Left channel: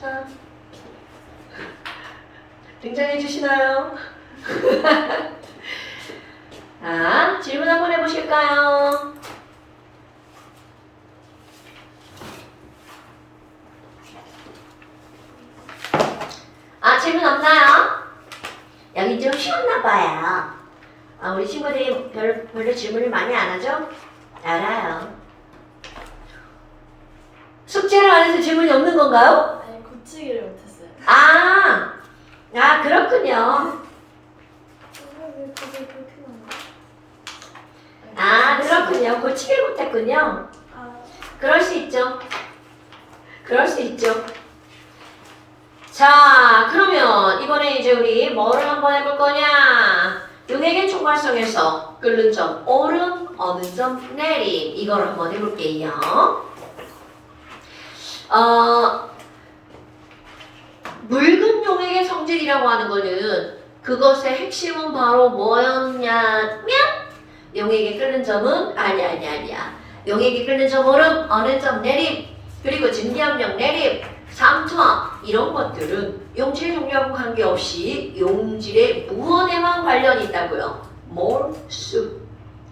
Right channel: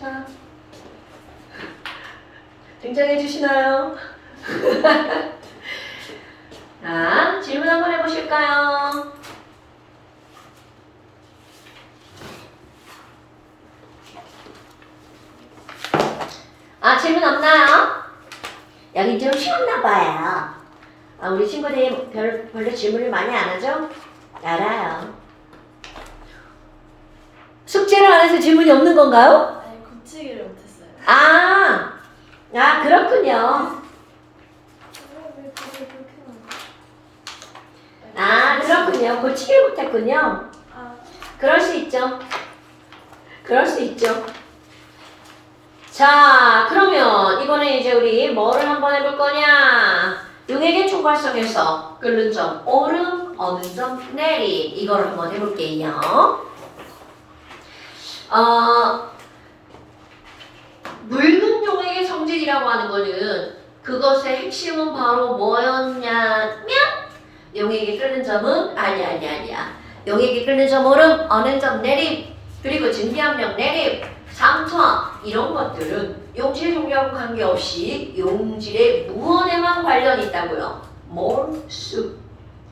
자, 등장해 주시나요? 자, 질문 한번 해보실까요? 질문 없나요? 여기 좀 쉬웠나 봐요. 우리 친구들이 별로 질문을 많이 안 하죠? 알아요. 숙제를 안 해서 질문이 없는 건가요? 아니 고치기를 못했어요. 그렇군요. 왜 그게 그렇게 나와? 그렇군요. 고치기를 못했군요. 그럴 수 있죠. 그럴 수 있죠. 자, 그러면 이번에 이제 우리 뭐를 한번 해볼 거냐? 용액의 총괄성에서 끓는 점, 오름, 어느 점, 내림. 이걸 한번 해볼게요. 묽은 용액의 성질이라고 하는 거는 그것의 핵심은 바로 뭐였냐면 용액이 끓는 점은 아니야. 용액이 끓는 점 오름, 어느 점 내림, 그리고 증기압력 내림, 상투함 이런 것들은 용질 종류하고 관계없이 용질의 무언에만 관련이 있다고요. 몰수.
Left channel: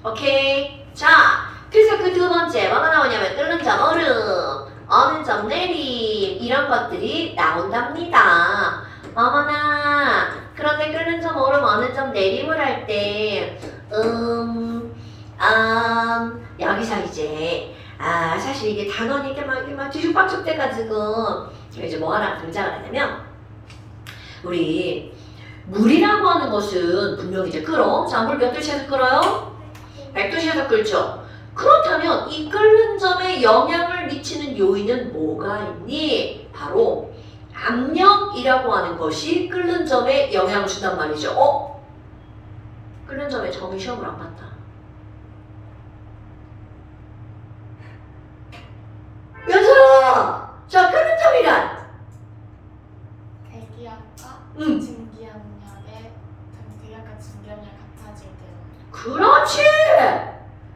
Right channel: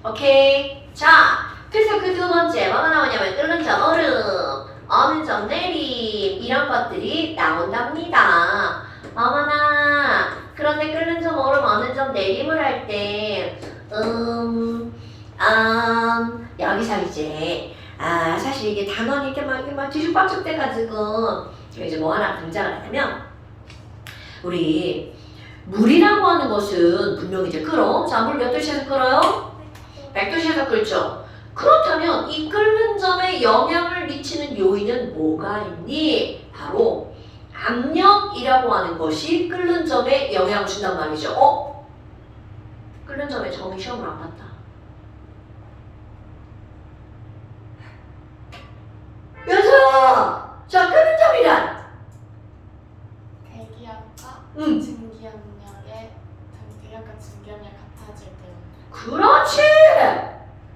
오케이. 자, 그래서 그 두 번째 뭐가 나오냐면 끓는 점 오름, 어느 점 내림 이런 것들이 나온답니다. 어머나, 그런데 끓는 점 오름, 어느 점 내림을 할 때 여기서 이제 사실 이게 단원이 이렇게 막 뒤죽박죽 돼가지고 이제 뭐 하나 등장을 하냐면 우리 물이라고 하는 것은 분명히 이제 끓어. 자, 물 몇 도씨에서 끓어요? 100도씨에서 끓죠. 그렇다면 이 끓는 점에 영향을 미치는 요인은 뭐가 있니? 바로 압력이라고 하는 것이 끓는 점에 영향을 준단 말이죠. 끓는 점에 정의 시험을 안 봤다. 연서야! 자, 끓는 점이란? 대기압과 응. 증기압력의 대기압과 증기압력 같아질 때는 그렇지!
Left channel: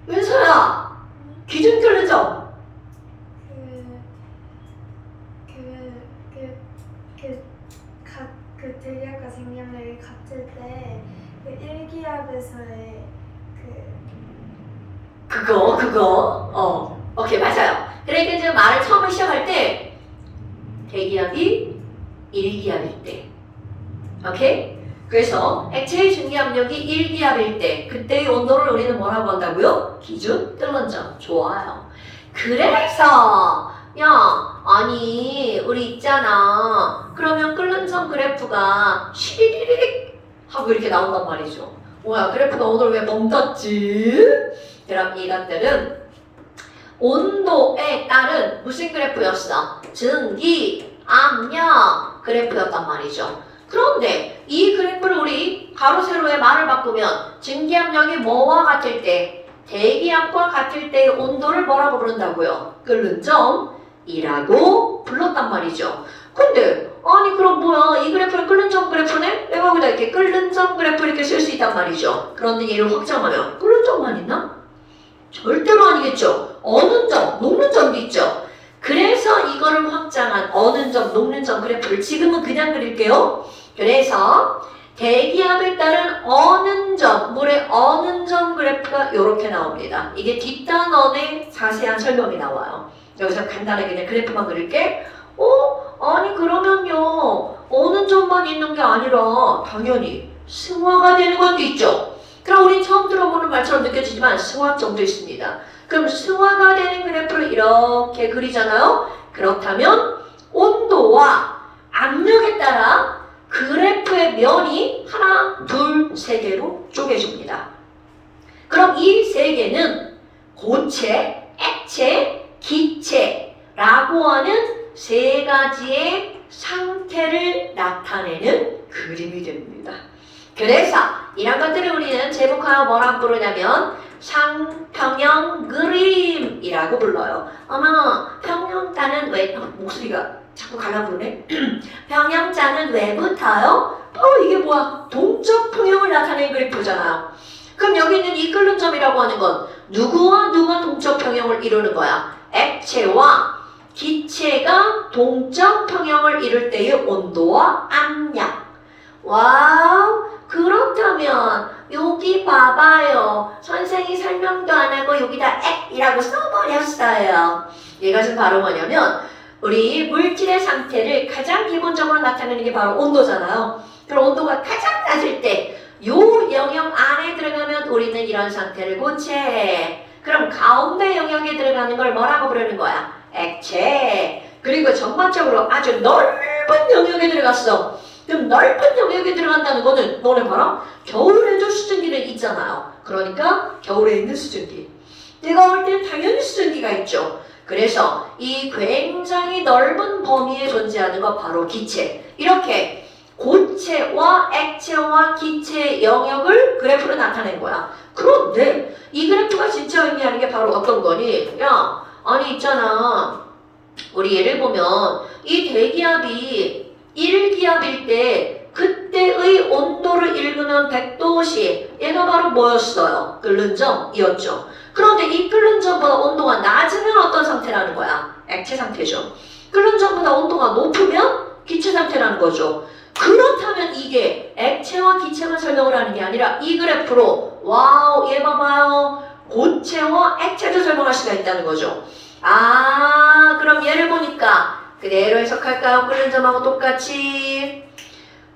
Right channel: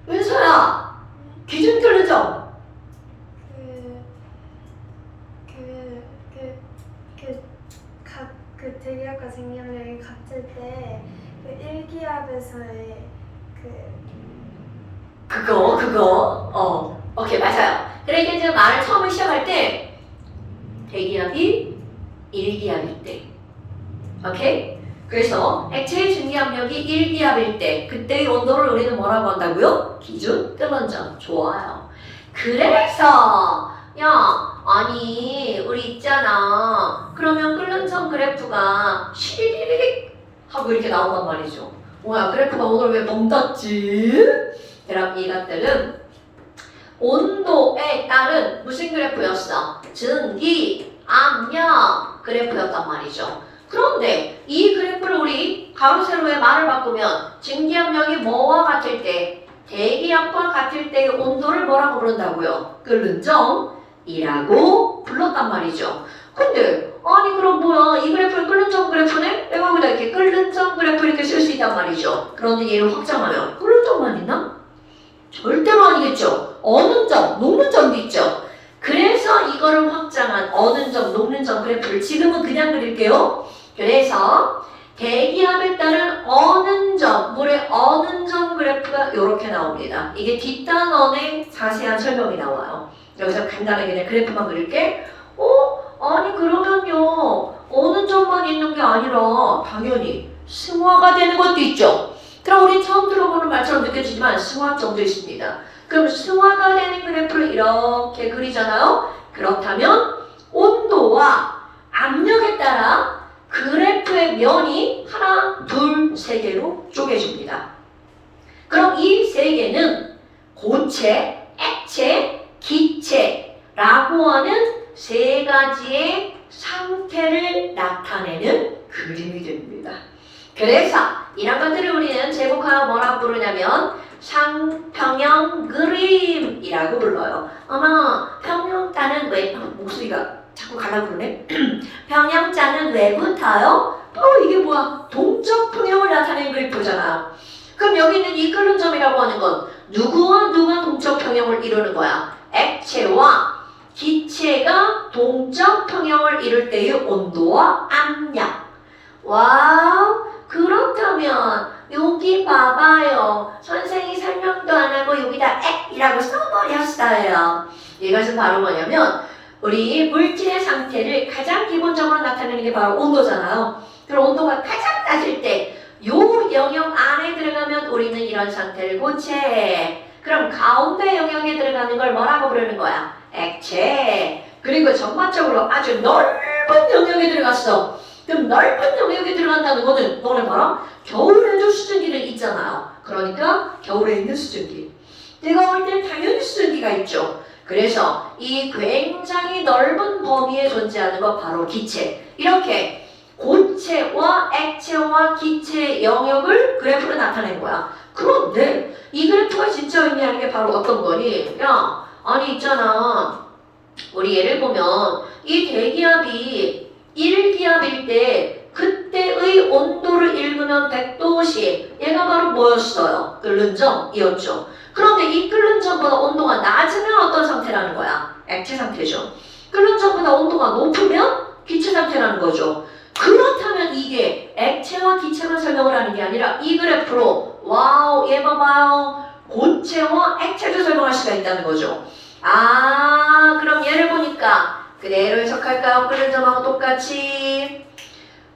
은서야! 기준 끓는 점. 그 대기압과 증기압력이 같을 때 그 1기압에서의 그거. 오케이, 맞아요. 그러니까 이제 말을 처음에 시작할 때 대기압이 1기압일 때. 오케이? 그래서 액체의 증기압력이 1기압일 때 그때의 온도를 우리는 뭐라고 한다고요? 기준 끓는 점. 좋아요. 그래서 아니 우리 있잖아. 그러면 끓는 점 그래프가 시리리릭 하고 이렇게 나온단 말이죠. 뭐야, 그래프가 오늘 왜 멈췄지? 그럼 이것들은 온도에 따른 무슨 그래프였어? 증기, 압력 그래프였단 말이죠. 그런데 이 그래프를 우리 가로 세로에 말을 바꾸면 증기압력이 뭐와 같을 때, 대기압과 같을 때의 온도를 뭐라고 부른다고요? 끓는 점이라고 불렀단 말이죠. 근데 아니 그럼 뭐야, 이 그래프를 끓는 점 그래프네? 내가 여기다 이렇게 끓는 점 그래프 이렇게 쓸 수 있단 말이죠. 그런데 얘를 확장하면 끓는 점만 있나? 절대로 아니겠죠. 어는 점, 녹는 점도 있죠. 그래서 이거를 확장한 어는 점, 녹는 점 그래프를 지금은 그냥 그릴게요. 그래서 대기압에 따른 어는 점, 물의 어는 점 그래프가 이렇게 나옵니다. 이게 뒷단원에 자세한 설명이 나와요. 여기서 간단하게 그냥 그래프만 그릴게. 아니 그러면요, 어는 점만 있는 게 아니라 당연히 승화가 되는 것도 있죠. 그럼 우리 처음 들어보는 말처럼 느껴지지만 승화점도 있습니다. 그럼 승화가 되는 그래프를 이렇게 그리잖아요. 그렇다면 온도와 압력에 따라 그래프의 면이 하나, 둘, 세 개로 쪼개집니다. 그럼 이 세 개는 고체, 액체, 기체라고 하는 세 가지의 상태를 나타내는 그림이 됩니다. 그래서 이런 것들을 우리는 제목하나 뭐라고 부르냐면 상평형 그림이라고 불러요. 평형자는 왜 목소리가 자꾸 갈라부르네? 평형자는 왜부터요? 이게 뭐야? 동적 평형을 나타내는 그래프잖아요. 그럼 여기 있는 이 끓는 점이라고 하는 건 누구와 누가 동적 평형을 이루는 거야? 액체와 기체가 동적 평형을 이룰 때의 온도와 압력. 와우, 그렇다면 여기 봐봐요. 선생이 설명도 안 하고 여기다 액이라고 써버렸어요. 이것은 바로 뭐냐면 우리 물질의 상태를 가장 기본적으로 나타내는 게 바로 온도잖아요. 그럼 온도가 가장 낮을 때 요 영역 안에 들어가면 우리는 이런 상태를 고체. 그럼 가운데 영역에 들어가는 걸 뭐라고 부르는 거야? 액체. 그리고 전반적으로 아주 넓은 영역에 들어갔어. 그럼 넓은 영역에 들어간다는 거는 뭐를 봐라? 겨울에도 수증기는 있잖아요. 그러니까 겨울에 있는 수증기. 뜨거울 땐 당연히 수증기가 있죠. 그래서 이 굉장히 넓은 범위에 존재하는 거 바로 기체. 이렇게 고체와 액체와 기체의 영역을 그래프로 나타낸 거야. 그런데 이 그래프가 진짜 의미하는 게 바로 어떤 거니? 야, 아니 있잖아. 우리 예를 보면 이 대기압이 1기압일 때 그때의 온도를 읽으면 100도씨. 얘가 바로 뭐였어요? 끓는 점이었죠. 그런데 이 끓는 점보다 온도가 낮으면 어떤 상태라는 거야? 액체 상태죠. 끓는 점보다 온도가 높으면 기체 상태라는 거죠. 그렇다면 이게 액체와 기체만 설명을 하는 게 아니라 이 그래프로 와우 얘 봐봐요. 고체와 액체도 설명할 수가 있다는 거죠. 아 그럼 얘를 보니까 그대로 해석할까요? 끓는 점하고 똑같이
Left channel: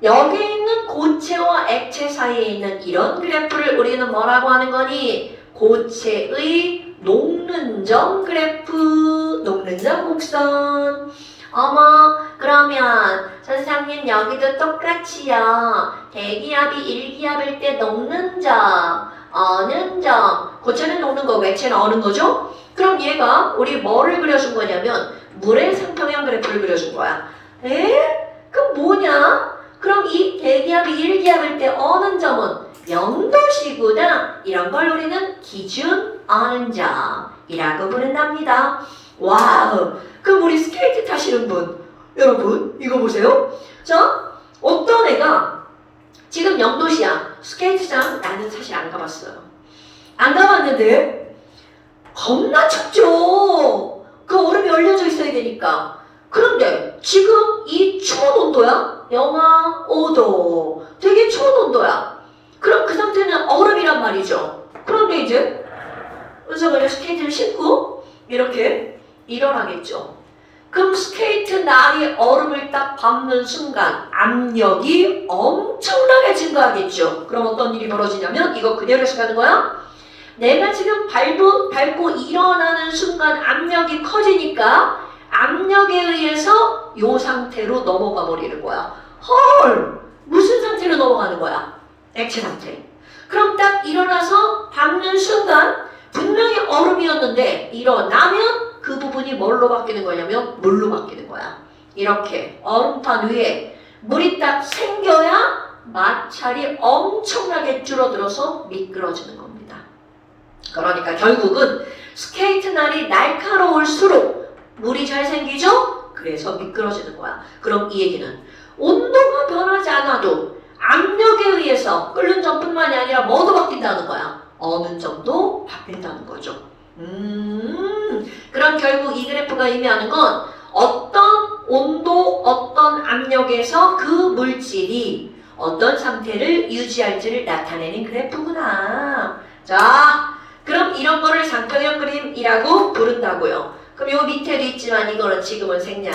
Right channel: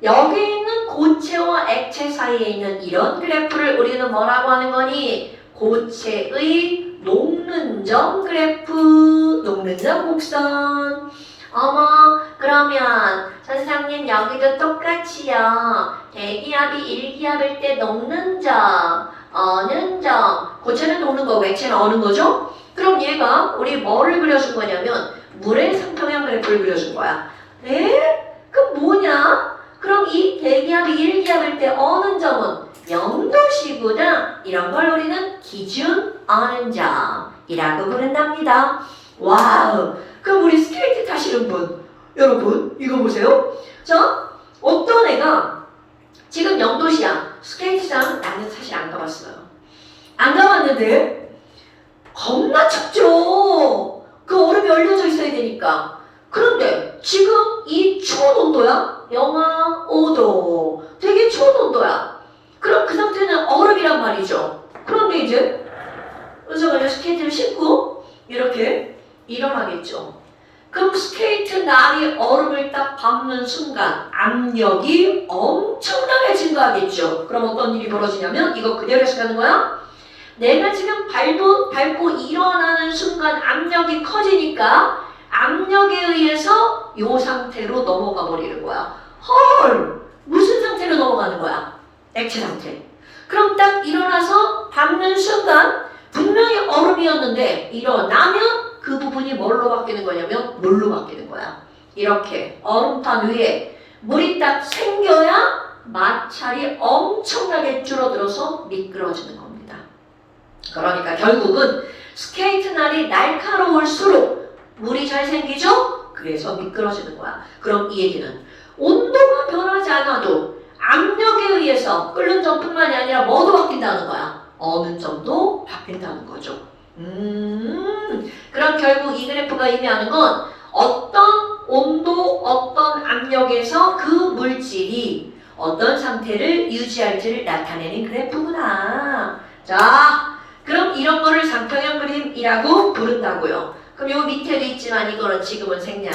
여기 있는 고체와 액체 사이에 있는 이런 그래프를 우리는 뭐라고 하는 거니? 고체의 녹는 점 그래프, 녹는 점 곡선. 어머 그러면 선생님 여기도 똑같이요. 대기압이 1기압일 때 녹는 점, 어는 점. 고체는 녹는 거고 액체는 어는 거죠? 그럼 얘가 우리 뭐를 그려준 거냐면 물의 상평형 그래프를 그려준 거야. 에? 그럼 뭐냐? 그럼 이 대기압이 1기압일 때 어는 점은 0도씨구나. 이런 걸 우리는 기준 어는 점이라고 부른답니다. 와우. 그럼 우리 스케이트 타시는 분 여러분 이거 보세요. 자 어떤 애가 지금 0도씨야. 스케이트장 나는 사실 안 가봤어요. 안 가봤는데 겁나 춥죠. 그 얼음이 얼려져 있어야 되니까. 그런데 지금 이 추운 온도야. 영하 5도. 되게 추운 온도야. 그럼 그 상태는 얼음이란 말이죠. 그런데 이제 은서가 스케이트를 신고 이렇게 일어나겠죠. 그럼 스케이트 날이 얼음을 딱 밟는 순간 압력이 엄청나게 증가하겠죠. 그럼 어떤 일이 벌어지냐면 이거 그대로 해석하는 거야. 내가 지금 밟고 일어나는 순간 압력이 커지니까 압력에 의해서 이 상태로 넘어가 버리는 거야. 헐! 무슨 상태로 넘어가는 거야? 액체 상태. 그럼 딱 일어나서 밟는 순간 분명히 얼음이었는데 일어나면 그 부분이 뭘로 바뀌는 거냐면 물로 바뀌는 거야. 이렇게 얼음판 위에 물이 딱 생겨야 마찰이 엄청나게 줄어들어서 미끄러지는 겁니다. 그러니까 결국은 스케이트 날이 날카로울수록 물이 잘 생기죠? 그래서 미끄러지는 거야. 그럼 이 얘기는 온도가 변하지 않아도 압력에 의해서 끓는 점뿐만이 아니라 뭐도 바뀐다는 거야. 어느 점도 바뀐다는 거죠. 그럼 결국 이 그래프가 의미하는 건 어떤 온도, 어떤 압력에서 그 물질이 어떤 상태를 유지할지를 나타내는 그래프구나. 자, 그럼 이런 거를 상평형 그림이라고 부른다고요. 그럼 요 밑에도 있지만 이거는 지금은 생략.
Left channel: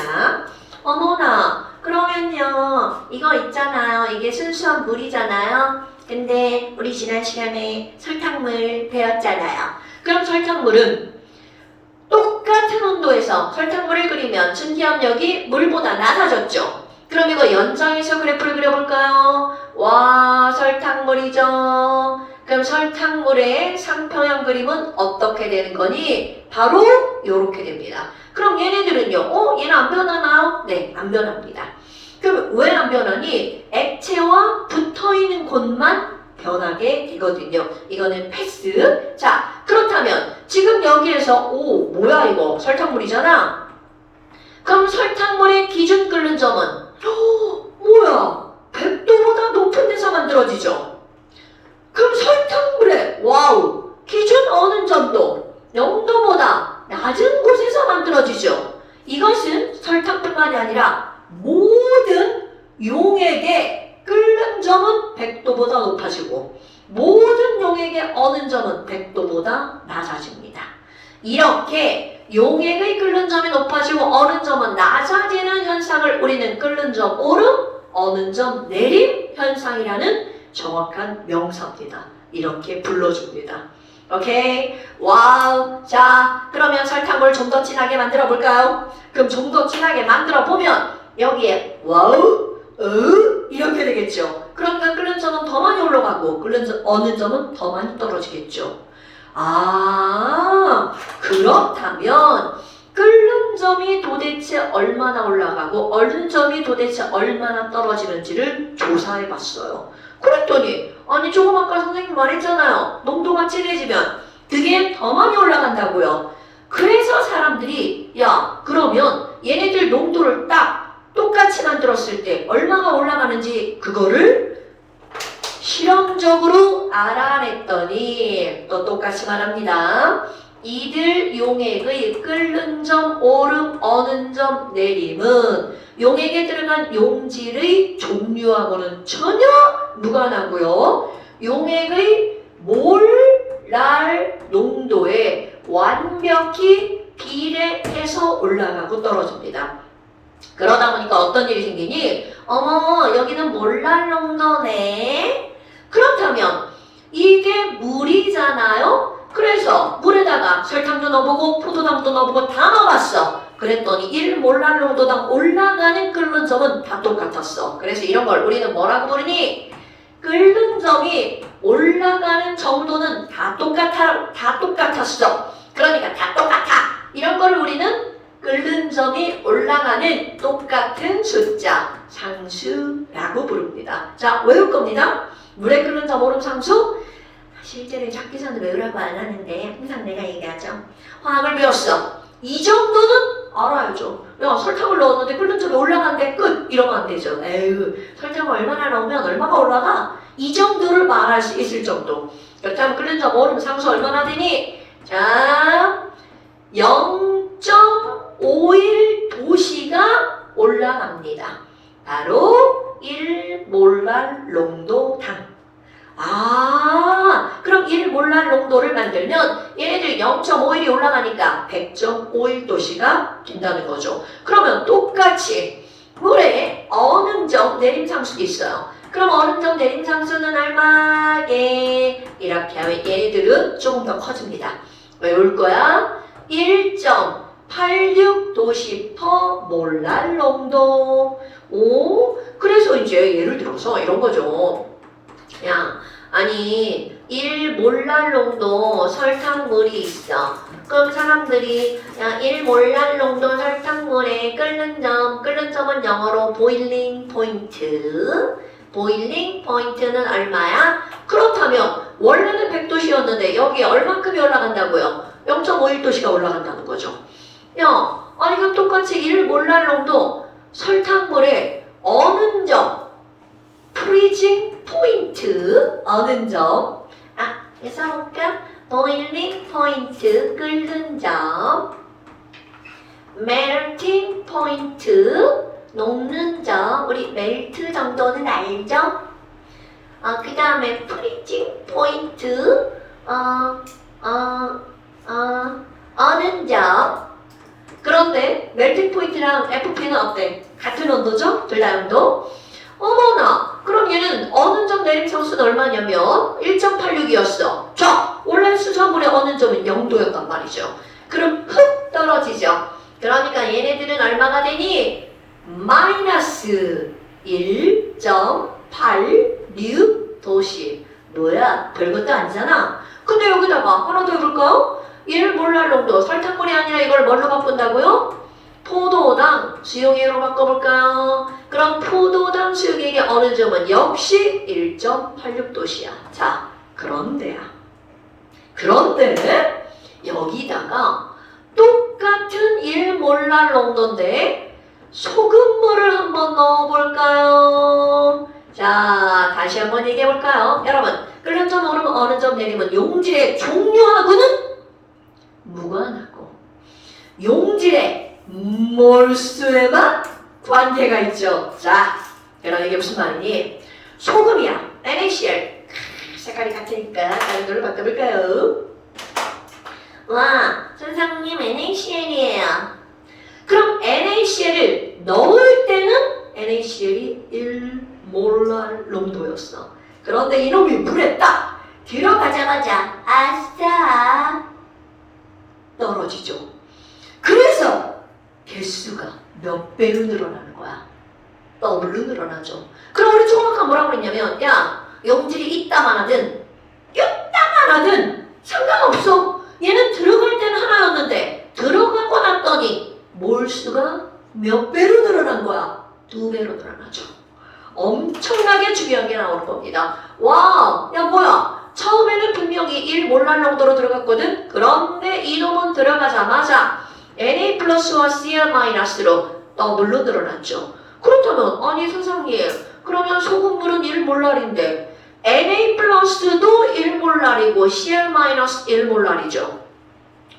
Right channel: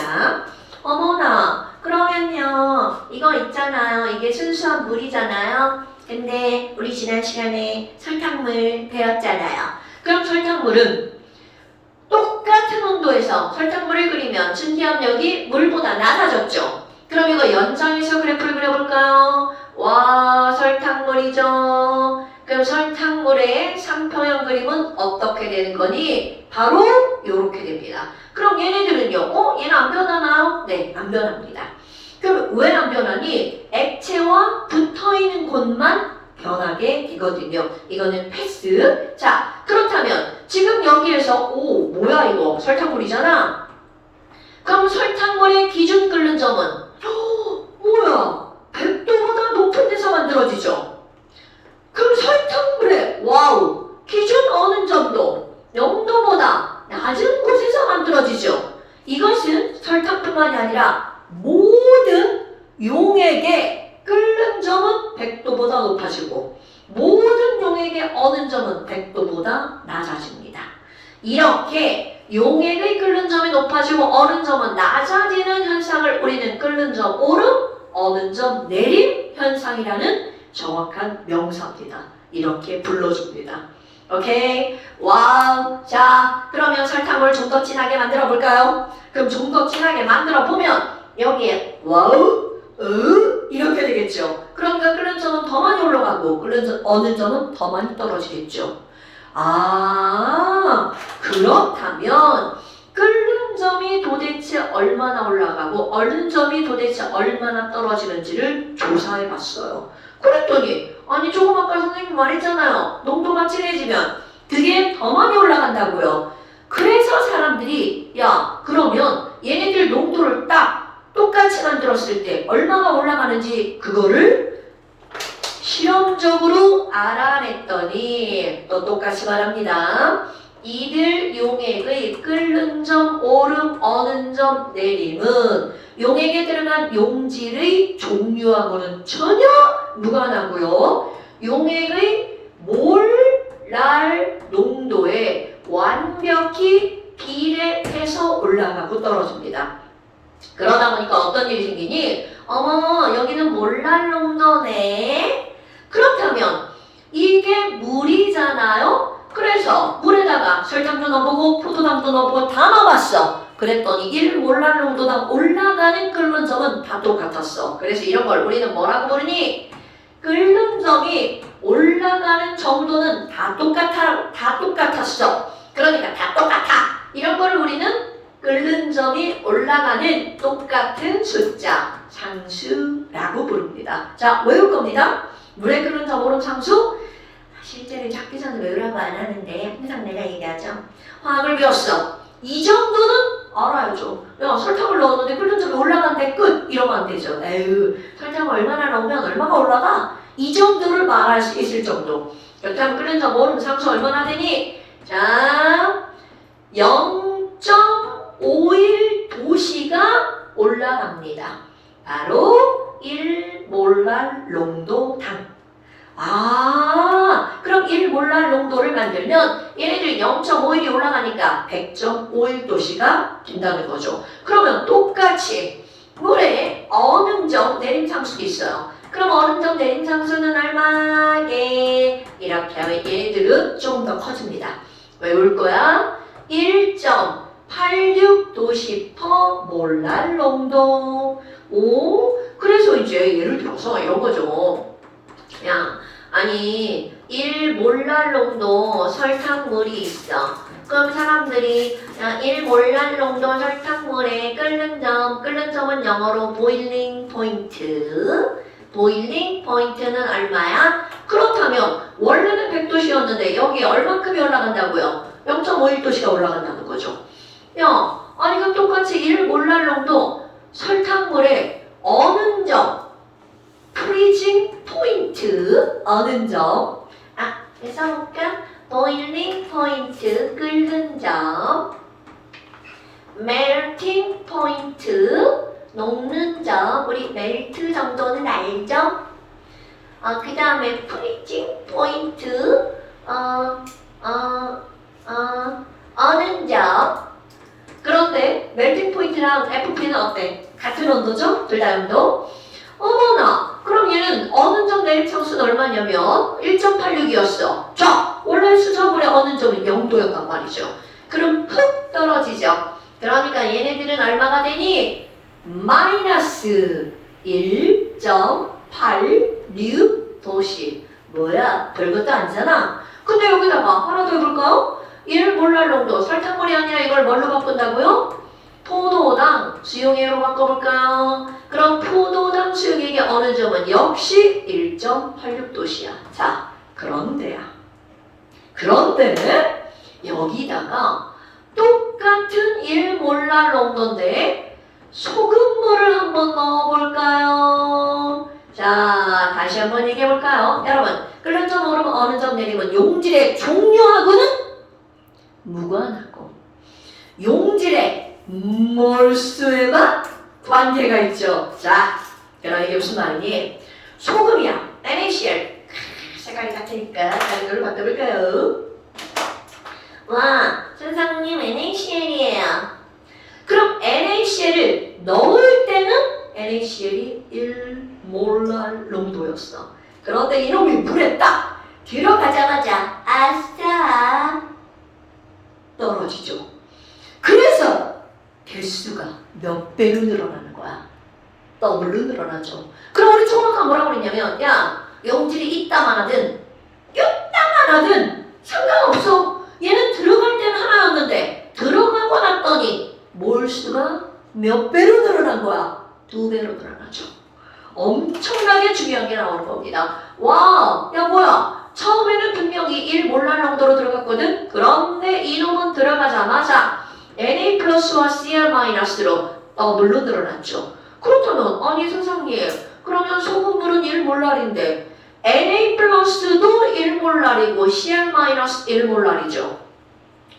어머나, 그러면요 이거 있잖아요. 이게 순수한 물이잖아요. 근데 우리 지난 시간에 설탕물 배웠잖아요. 그럼 설탕물은 똑같은 온도에서 설탕물을 그리면 증기압력이 물보다 낮아졌죠. 그럼 이거 연장해서 그래프를 그려볼까요? 와 설탕물이죠. 그럼 설탕물의 상평형 그림은 어떻게 되는 거니? 바로 이렇게 됩니다. 그럼 얘네들은요? 얘는 안 변하나요? 네, 안 변합니다. 그럼 왜 안 변하니? 액체와 붙어있는 곳만 변하게 되거든요. 이거는 패스. 자, 그렇다면 지금 여기에서 뭐야 이거? 설탕물이잖아. 그럼 설탕물의 기준 끓는 점은 뭐야? 100도보다 높은 데서 만들어지죠. 그럼 설탕물의 와우 기준 어느 점도 0도보다 낮은 곳에서 만들어지죠. 이것은 설탕뿐만 아니라 모든 용액의 끓는 점은 100도보다 높아지고 모든 용액의 어는 점은 100도보다 낮아집니다. 이렇게 용액의 끓는 점이 높아지고 어는 점은 낮아지는 현상을 우리는 끓는 점 오름, 어는 점 내림 현상이라는 정확한 명사입니다. 이렇게 불러줍니다. 오케이? 와우. 자, 그러면 설탕을 좀 더 진하게 만들어 볼까요? 그럼 좀 더 진하게 만들어 보면 여기에 와우, 이렇게 되겠죠. 그러니까 끓는 점은 더 많이 올라가고 어는 점은 더 많이 떨어지겠죠. 아, 그렇다면 끓는 점이 도대체 얼마나 올라가고 어는 점이 도대체 얼마나 떨어지는지를 조사해 봤어요. 그랬더니 아니 조금 아까 선생님 말했잖아요. 농도가 진해지면 그게 더 많이 올라간다고요. 그래서 사람들이 야 그러면 얘네들 농도를 딱 똑같이 만들었을 때 얼마나 올라가는지 그거를 실험적으로 알아냈더니 또 똑같이 말합니다. 이들 용액의 끓는 점, 오름, 어는 점, 내림은 용액에 들어간 용질의 종류하고는 전혀 무관하고요. 용액의 몰랄 농도에 완벽히 비례해서 올라가고 떨어집니다. 그러다 보니까 어떤 일이 생기니? 어머, 여기는 몰랄 농도네. 그렇다면 이게 물이잖아요. 그래서 물에다가 설탕도 넣어보고 포도당도 넣어보고 다 넣어봤어. 그랬더니 1몰랄 농도당 올라가는 끓는 점은 다 똑같았어. 그래서 이런 걸 우리는 뭐라고 부르니? 끓는 점이 올라가는 정도는 다 똑같았어. 그러니까 다 똑같아. 이런 걸 우리는 끓는 점이 올라가는 똑같은 숫자, 상수라고 부릅니다. 자, 외울 겁니다. 물에 끓는 점 오름 상수. 실제로 작기사는 외우라고 안 하는데 항상 내가 얘기하죠. 화학을 배웠어. 이 정도는 알아야죠. 야, 설탕을 넣었는데 끓는 점이 올라가는데 끝! 이러면 안 되죠. 에휴, 설탕을 얼마나 넣으면 얼마가 올라가? 이 정도를 말할 수 있을 정도. 그렇다면 끓는 점 오름 상수 얼마나 되니? 자, 0.51도씨가 올라갑니다. 바로 1몰랄 농도당. 아, 그럼 1몰랄 농도를 만들면 얘네들이 0.51이 올라가니까 100.51도씨가 된다는 거죠. 그러면 똑같이 물에 어능점 내림상수도 있어요. 그럼 어능점 내림상수는 얼마게? 이렇게 하면 얘네들은 좀 더 커집니다. 외울 거야? 1.86도씨 퍼 몰랄 농도. 오, 그래서 이제 예를 들어서 이런 거죠. 야, 아니 1몰랄 농도 설탕물이 있어. 그럼 사람들이 1몰랄 농도 설탕물에 끓는 점은 영어로 boiling point. boiling point는 얼마야? 그렇다면 원래는 100도씨였는데 여기에 얼만큼이 올라간다고요? 0.51도씨가 올라간다는 거죠. 야, 아니 이거 똑같이 1몰랄 농도 설탕물에 어는 점 freezing point 어는 점. 아, 써볼까? boiling point 끓는 점. melting point 녹는 점. 우리 melt 정도는 알죠? 그 다음에 freezing point 어는 점. 그런데 melting point랑 FP는 어때? 같은 온도죠? 둘 다 온도. 어머나, 그럼 얘는 어는 점 내림 상수는 얼마냐면 1.86이었어. 자, 원래 수저물의 어는 점은 0도였단 말이죠. 그럼 훅 떨어지죠. 그러니까 얘네들은 얼마가 되니? 마이너스 1.86도씨. 뭐야? 별것도 아니잖아. 근데 여기다가 하나 더 해볼까요? 1몰랄 농도 설탕물이 아니라 이걸 뭘로 바꾼다고요? 포도당 수용액으로 바꿔볼까요? 그럼 포도당 수용액의 어느 점은 역시 1.86도씨야. 자, 그런데 여기다가 똑같은 1몰랄 농도인데 소금물을 한번 넣어볼까요? 자, 다시 한번 얘기해볼까요? 여러분, 끓는 점 오르면 어느 점 내리면 용질의 종류하고는 무관하고 용질의 몰수에만 관계가 있죠. 자, 그럼 이게 무슨 말이니? 소금이야. NaCl. 색깔이 같으니까 다른 걸로 바꿔볼까요? 와, 선생님 NaCl이에요. 그럼 NaCl을 넣을 때는 NaCl이 1몰랄 농도였어. 그런데 이놈이 물에 딱 들어가자마자 아싸 떨어지죠. 그래서 개수가 몇 배로 늘어나는 거야. 더블로 늘어나죠. 그럼 우리 초등학교 뭐라고 그랬냐면 야 용질이 이따만하든 이따만하든 상관없어. 얘는 들어갈 때는 하나였는데 들어가고 났더니 몰수가 몇 배로 늘어난 거야? 2배로 늘어나죠. 엄청나게 중요한 게 나올 겁니다. 와, 야 뭐야? 처음에는 분명히 1몰랄 농도로 들어갔거든? 그런데 이놈은 들어가자마자 Na 플러스와 Cl 마이너스로 더블로 늘어났죠. 그렇다면 아니 선생님 그러면 소금물은 1몰랄인데 Na 플러스도 1몰랄이고 Cl 마이너스 1몰랄이죠.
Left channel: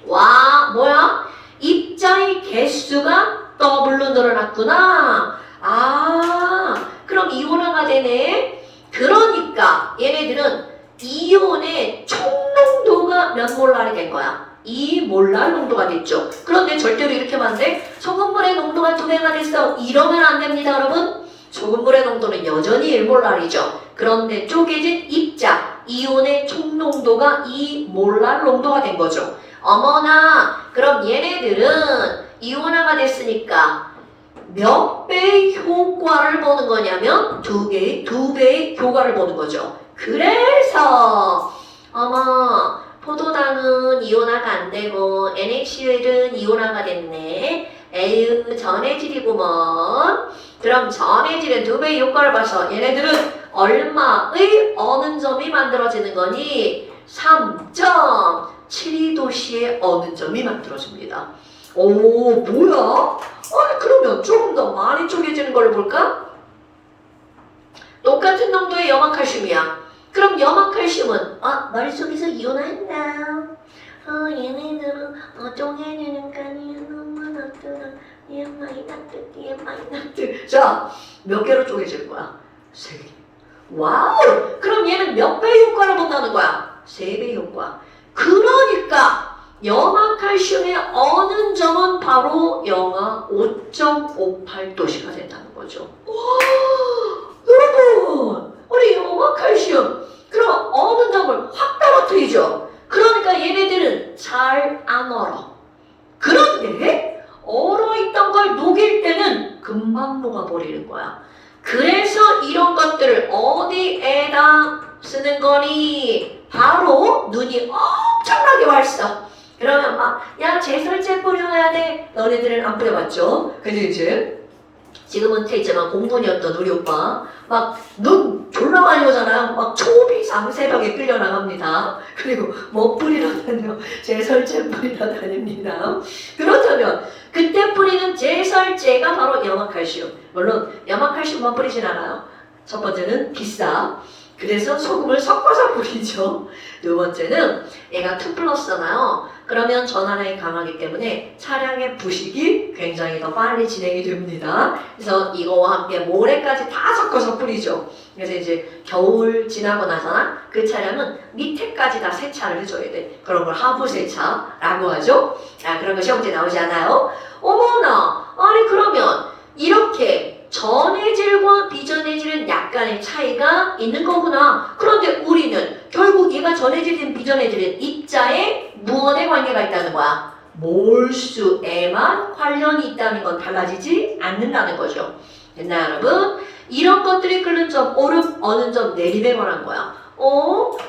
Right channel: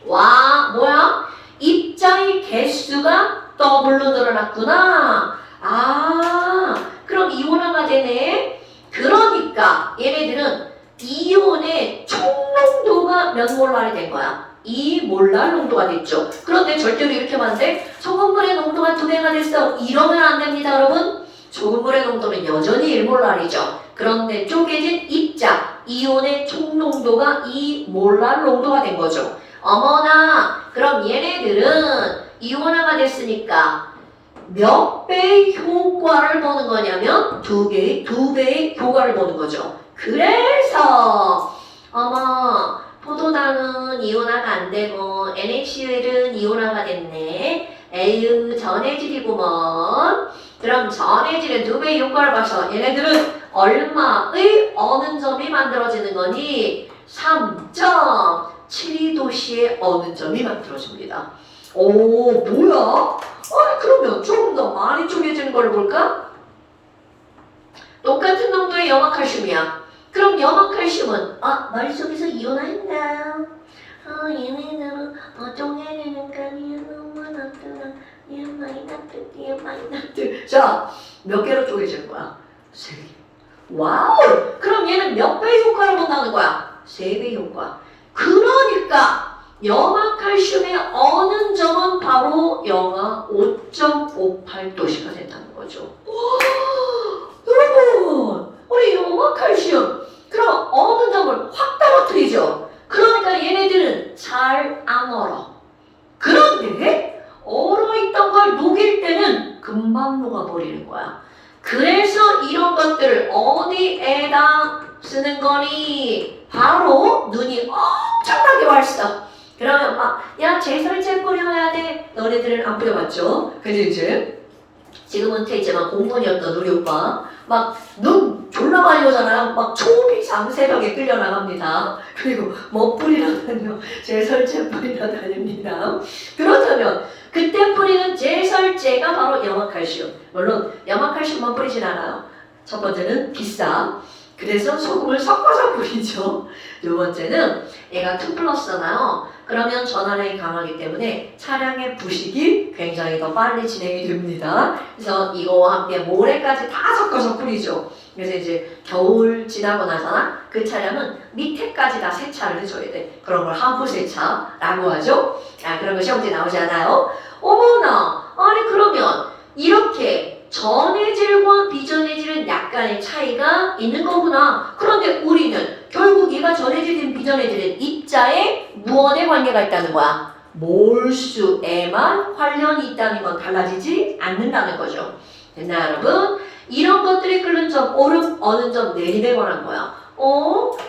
와 뭐야? 입자의 개수가 더블로 늘어났구나. 아 그럼 이온화가 되네. 그러니까 얘네들은 이온의 총 농도가 몇 몰랄이 된 거야? 2몰랄 농도가 됐죠. 그런데 절대로 이렇게 하면 안 돼. 소금물의 농도가 2배가 됐어. 이러면 안 됩니다, 여러분. 소금물의 농도는 여전히 1몰랄이죠. 그런데 쪼개진 입자, 이온의 총 농도가 2몰랄 농도가 된 거죠. 어머나, 그럼 얘네들은 이온화가 됐으니까 몇 배의 효과를 보는 거냐면 두 배의 효과를 보는 거죠. 그래서 어머 포도당은 이온화가 안 되고 NaCl은 이온화가 됐네. 에휴 전해질이구먼. 그럼 전해질은 두 배의 효과를 봐서 얘네들은 얼마의 어느 점이 만들어지는 거니? 3.72도씨의 어느 점이 만들어집니다. 오 뭐야? 아니 그러면 조금 더 많이 쪼개지는 걸 볼까? 똑같은 농도의 염화칼슘이야. 그럼 염화칼슘은 머릿속에서 이온화했나? 얘네는 쪼개지니까 자, 몇 개로 쪼개질 거야? 3개. 와우! 그럼 얘는 몇 배의 효과를 본다는 거야? 3배의 효과. 그러니까 염화칼슘의 어느 점은 바로 영하 5.58도씨가 된다는 거죠. 와, 여러분, 우리 염화칼슘 그럼 어느 점을 확 떨어뜨리죠. 그러니까 얘네들은 잘 안 얼어. 그런데 얼어있던 걸 녹일 때는 금방 녹아버리는 거야. 그래서 이런 것들을 어디에다 쓰는 거니? 바로 눈이 엄청나게 왔어. 그러면 막 야 제설제 뿌려야 돼. 너네들은 안 뿌려봤죠? 근데 이제 지금은 있잖아 공분이었던 우리 오빠 막 눈 졸라 많이 오잖아요. 막 초음이 상세하게 끌려나갑니다. 그리고 뭐 뿌리러 다녀? 제설제 뿌리러 다닙니다. 그렇다면 그때 뿌리는 제설제가 바로 염화칼슘. 물론 염화칼슘만 뿌리진 않아요. 첫 번째는 비싸. 그래서 소금을 섞어서 뿌리죠. 두 번째는 얘가 2+잖아요. 그러면 전환이 강하기 때문에 차량의 부식이 굉장히 더 빨리 진행이 됩니다. 그래서 이거와 함께 모래까지 다 섞어서 뿌리죠. 그래서 이제 겨울 지나고 나잖아. 그 차량은 밑에까지 다 세차를 해줘야 돼. 그런 걸 하부 세차라고 하죠. 그런 거 시험 문제 나오지 않아요? 어머나, 아니 그러면 이렇게 전해질과 비전해질은 약간의 차이가 있는 거구나. 그런데 우리는 결국 얘가 전해질인 비전해질은 입자에 무언의 관계가 있다는 거야. 몰수에만 관련이 있다는 건 달라지지 않는다는 거죠. 됐나요 여러분? 이런 것들이 끓는 점, 오름, 어느 점, 내림에 관한 거야.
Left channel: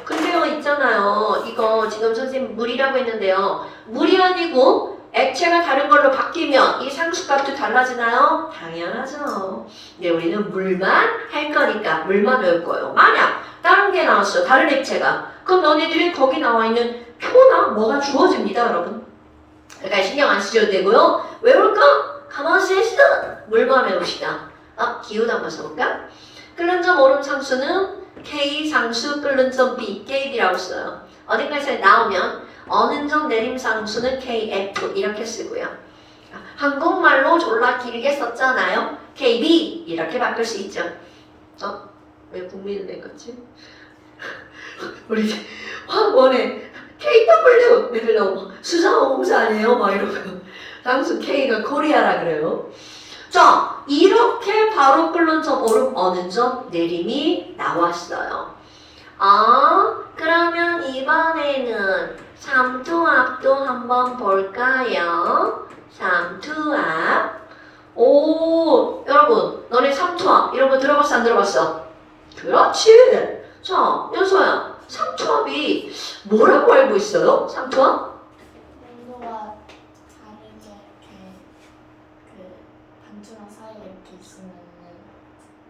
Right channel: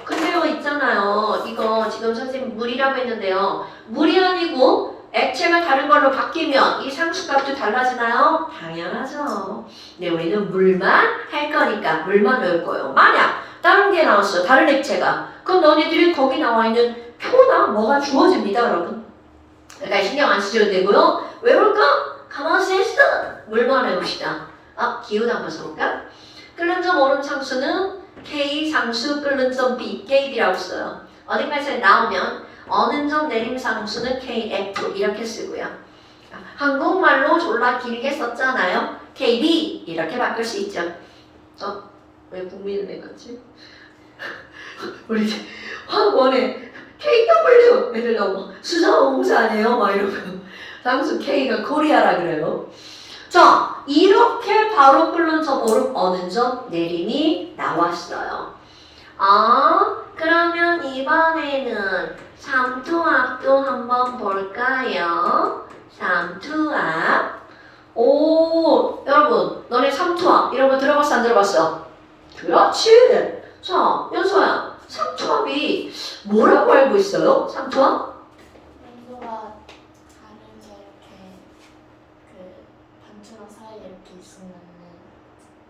근데요 있잖아요. 이거 지금 선생님 물이라고 했는데요. 물이 아니고 액체가 다른 걸로 바뀌면 이 상수값도 달라지나요? 당연하죠. 근데 우리는 물만 할 거니까 물만 외울 거예요. 만약 다른 게 나왔어. 다른 액체가. 그럼 너희들이 거기 나와 있는 표나 뭐가 주어집니다, 여러분. 그러니까 신경 안 쓰셔도 되고요. 외울까? 가만히 있어. 물만 외웁시다. 기운 한번 써볼까? 끓는 점 오름 상수는 K 상수 끓는 점 B, KB라고 써요. 어디까지 나오면 어느 점 내림 상수는 KF 이렇게 쓰고요. 한국말로 졸라 길게 썼잖아요. KB 이렇게 바꿀 수 있죠. 왜 국민은행 같지? 우리 학원에 KW 애들 나오고 수자공사 아니에요? 막 이러고 무슨 K가 코리아라 그래요. 자, 이렇게 바로 끓는 저 보름 어느 점 내림이 나왔어요. 그러면 이번에는 삼투압도 한번 볼까요? 삼투압. 오, 여러분, 너네 삼투압 이런 거 들어봤어, 안 들어봤어? 그렇지. 자, 연서야, 삼투압이 뭐라고 알고 있어요? 삼투압? 온도와 다르게 이렇게 그 반투랑 사이에 이렇게 있으면은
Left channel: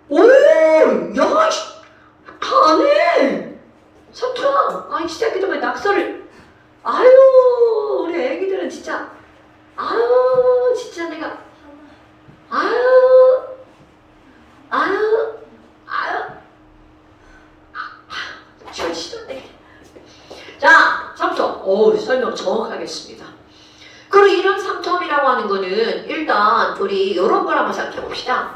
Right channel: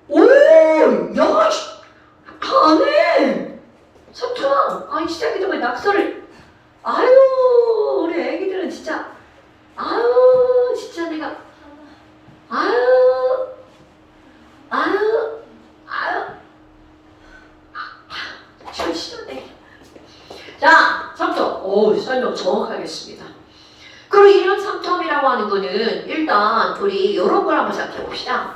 오, 야, 다네. 삼투압. 아이 시작이 되면 낙서를. 아유, 우리 애기들은 진짜. 아유, 진짜 내가. 아유, 아유, 아유. 잘 시간대. 자, 삼투압. 오, 설명 정확하겠습니다. 그리고 이런 삼투압이라고 하는 거는 일단 우리 이런 걸 한번 생각해 봅시다.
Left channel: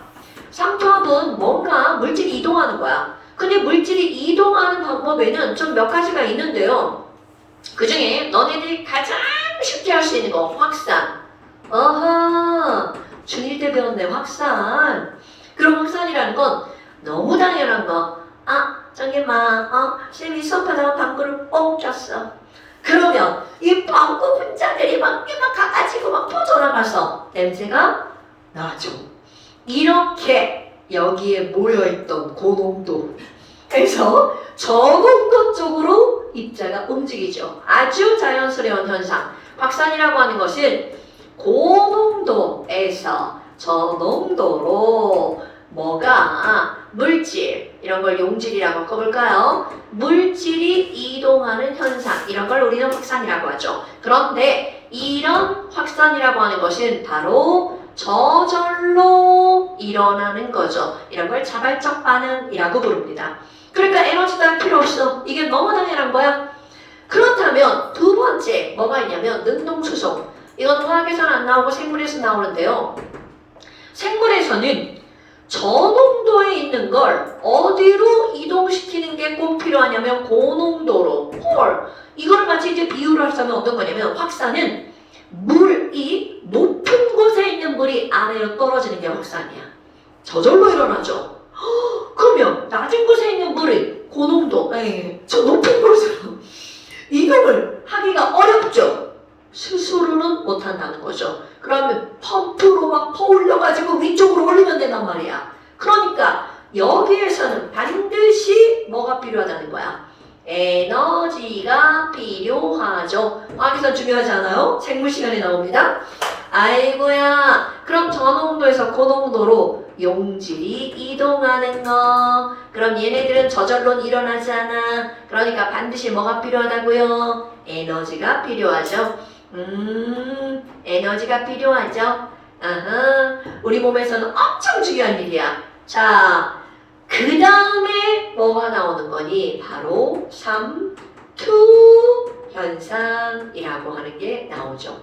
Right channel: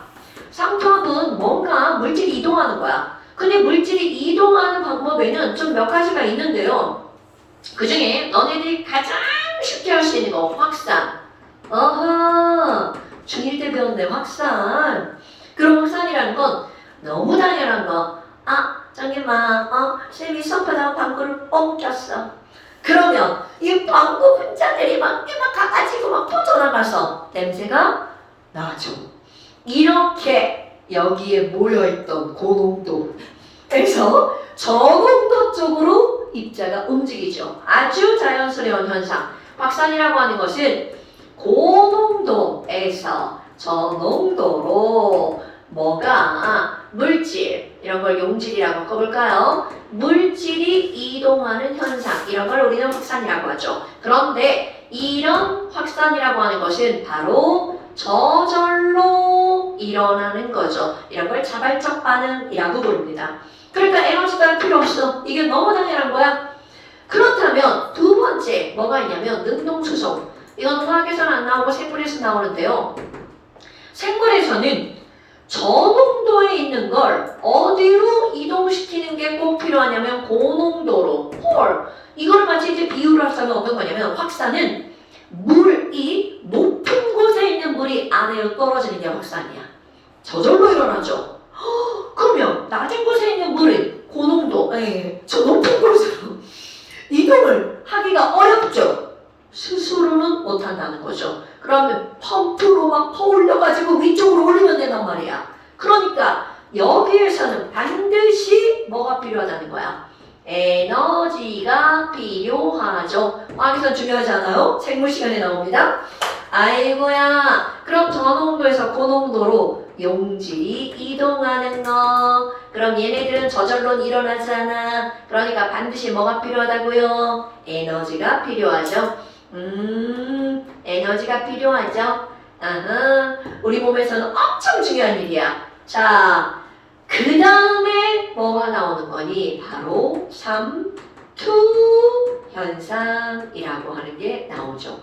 삼투압은 뭔가 물질이 이동하는 거야. 근데 물질이 이동하는 방법에는 좀 몇 가지가 있는데요. 그 중에 너네들이 가장 쉽게 할 수 있는 거 확산. 중1 때 배웠네 확산. 그럼 확산이라는 건 너무 당연한 거. 정님아, 쌤이 수업하다가 방구를 뻥 꼈어. 그러면 이 방구 분자들이 막 가가지고 막 퍼져나가서 냄새가 나죠. 이렇게 여기에 모여있던 고농도. 그래서 저농도 쪽으로 입자가 움직이죠. 아주 자연스러운 현상. 확산이라고 하는 것은 고농도에서 저농도로 뭐가 물질 이런 걸 용질이라고 바꿔볼까요? 물질이 이동하는 현상 이런 걸 우리는 확산이라고 하죠. 그런데 이런 확산이라고 하는 것은 바로 저절로 일어나는 거죠. 이런 걸 자발적 반응이라고 부릅니다. 그러니까 에너지 따위 필요 없어. 이게 너무 당연한 거야. 그렇다면 두 번째 뭐가 있냐면 능동수소. 이건 화학에서는 안 나오고 생물에서 나오는데요. 생물에서는 저농도에 있는 걸 어디로 이동시키는 게 꼭 필요하냐면 고농도로. 이걸 마치 이제 비유를 하자면 어떤 거냐면 확산은 물이 높은 곳에 있는 물이 아래로 떨어지는 게 확산이야. 저절로 일어나죠. 그러면 낮은 곳에 있는 물이 고농도, 저 높은 곳으로 이동을 하기가 어렵죠. 스스로는 못한다는 거죠. 그러면 펌프로 막 퍼올려가지고 위쪽으로 올리면 된단 말이야. 그러니까 여기에서는 반드시 뭐가 필요하다는 거야? 에너지가 필요하죠. 여기서 중요하지 않아요? 생물 시간에 나옵니다. 아이고야. 그럼 저농도에서 고농도로 용질이 이동하는 거. 그럼 얘네들은 저절로 일어나지 않아. 그러니까 반드시 뭐가 필요하다고요? 에너지가 필요하죠. 에너지가 필요하죠. 우리 몸에서는 엄청 중요한 일이야. 자, 그 다음에 뭐가 나오는 거니? 바로 삼투 현상이라고 하는 게 나오죠.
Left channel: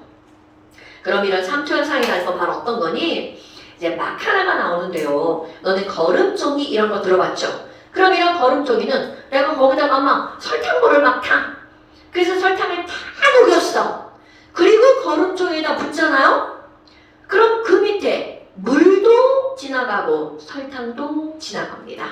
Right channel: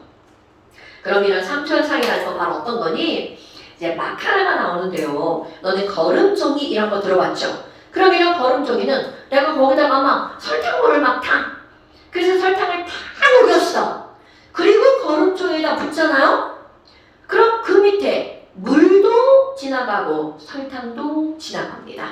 그럼 이런 삼투 현상이라는 건 바로 어떤 거니? 이제 막 하나가 나오는데요. 너는 거름종이 이런 거 들어봤죠? 그럼 이런 거름종이는 내가 거기다가 막 설탕물을 막 타. 그래서 설탕을 다 녹였어. 그리고 거름종에다 붓잖아요? 그럼 그 밑에 물도 지나가고 설탕도 지나갑니다.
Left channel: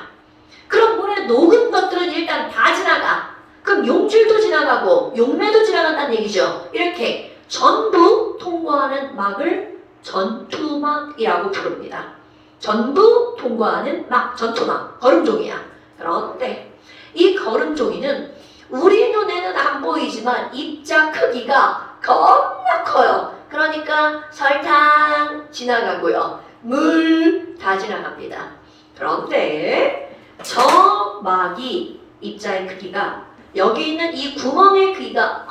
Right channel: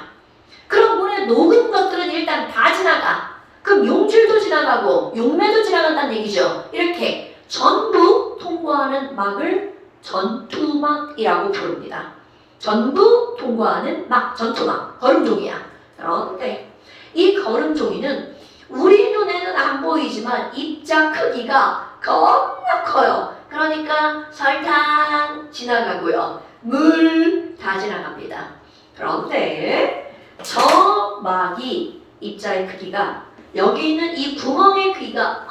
그럼 물에 녹은 것들은 일단 다 지나가. 그럼 용질도 지나가고 용매도 지나간다는 얘기죠. 이렇게 전부 통과하는 막을 전투막이라고 부릅니다. 전부 통과하는 막, 전투막, 거름종이야. 그런데 이 거름종이는 우리 눈에는 안 보이지만 입자 크기가 겁나 커요. 그러니까 설탕 지나가고요. 물 다 지나갑니다. 그런데 저 막이 입자의 크기가 여기 있는 이 구멍의 크기가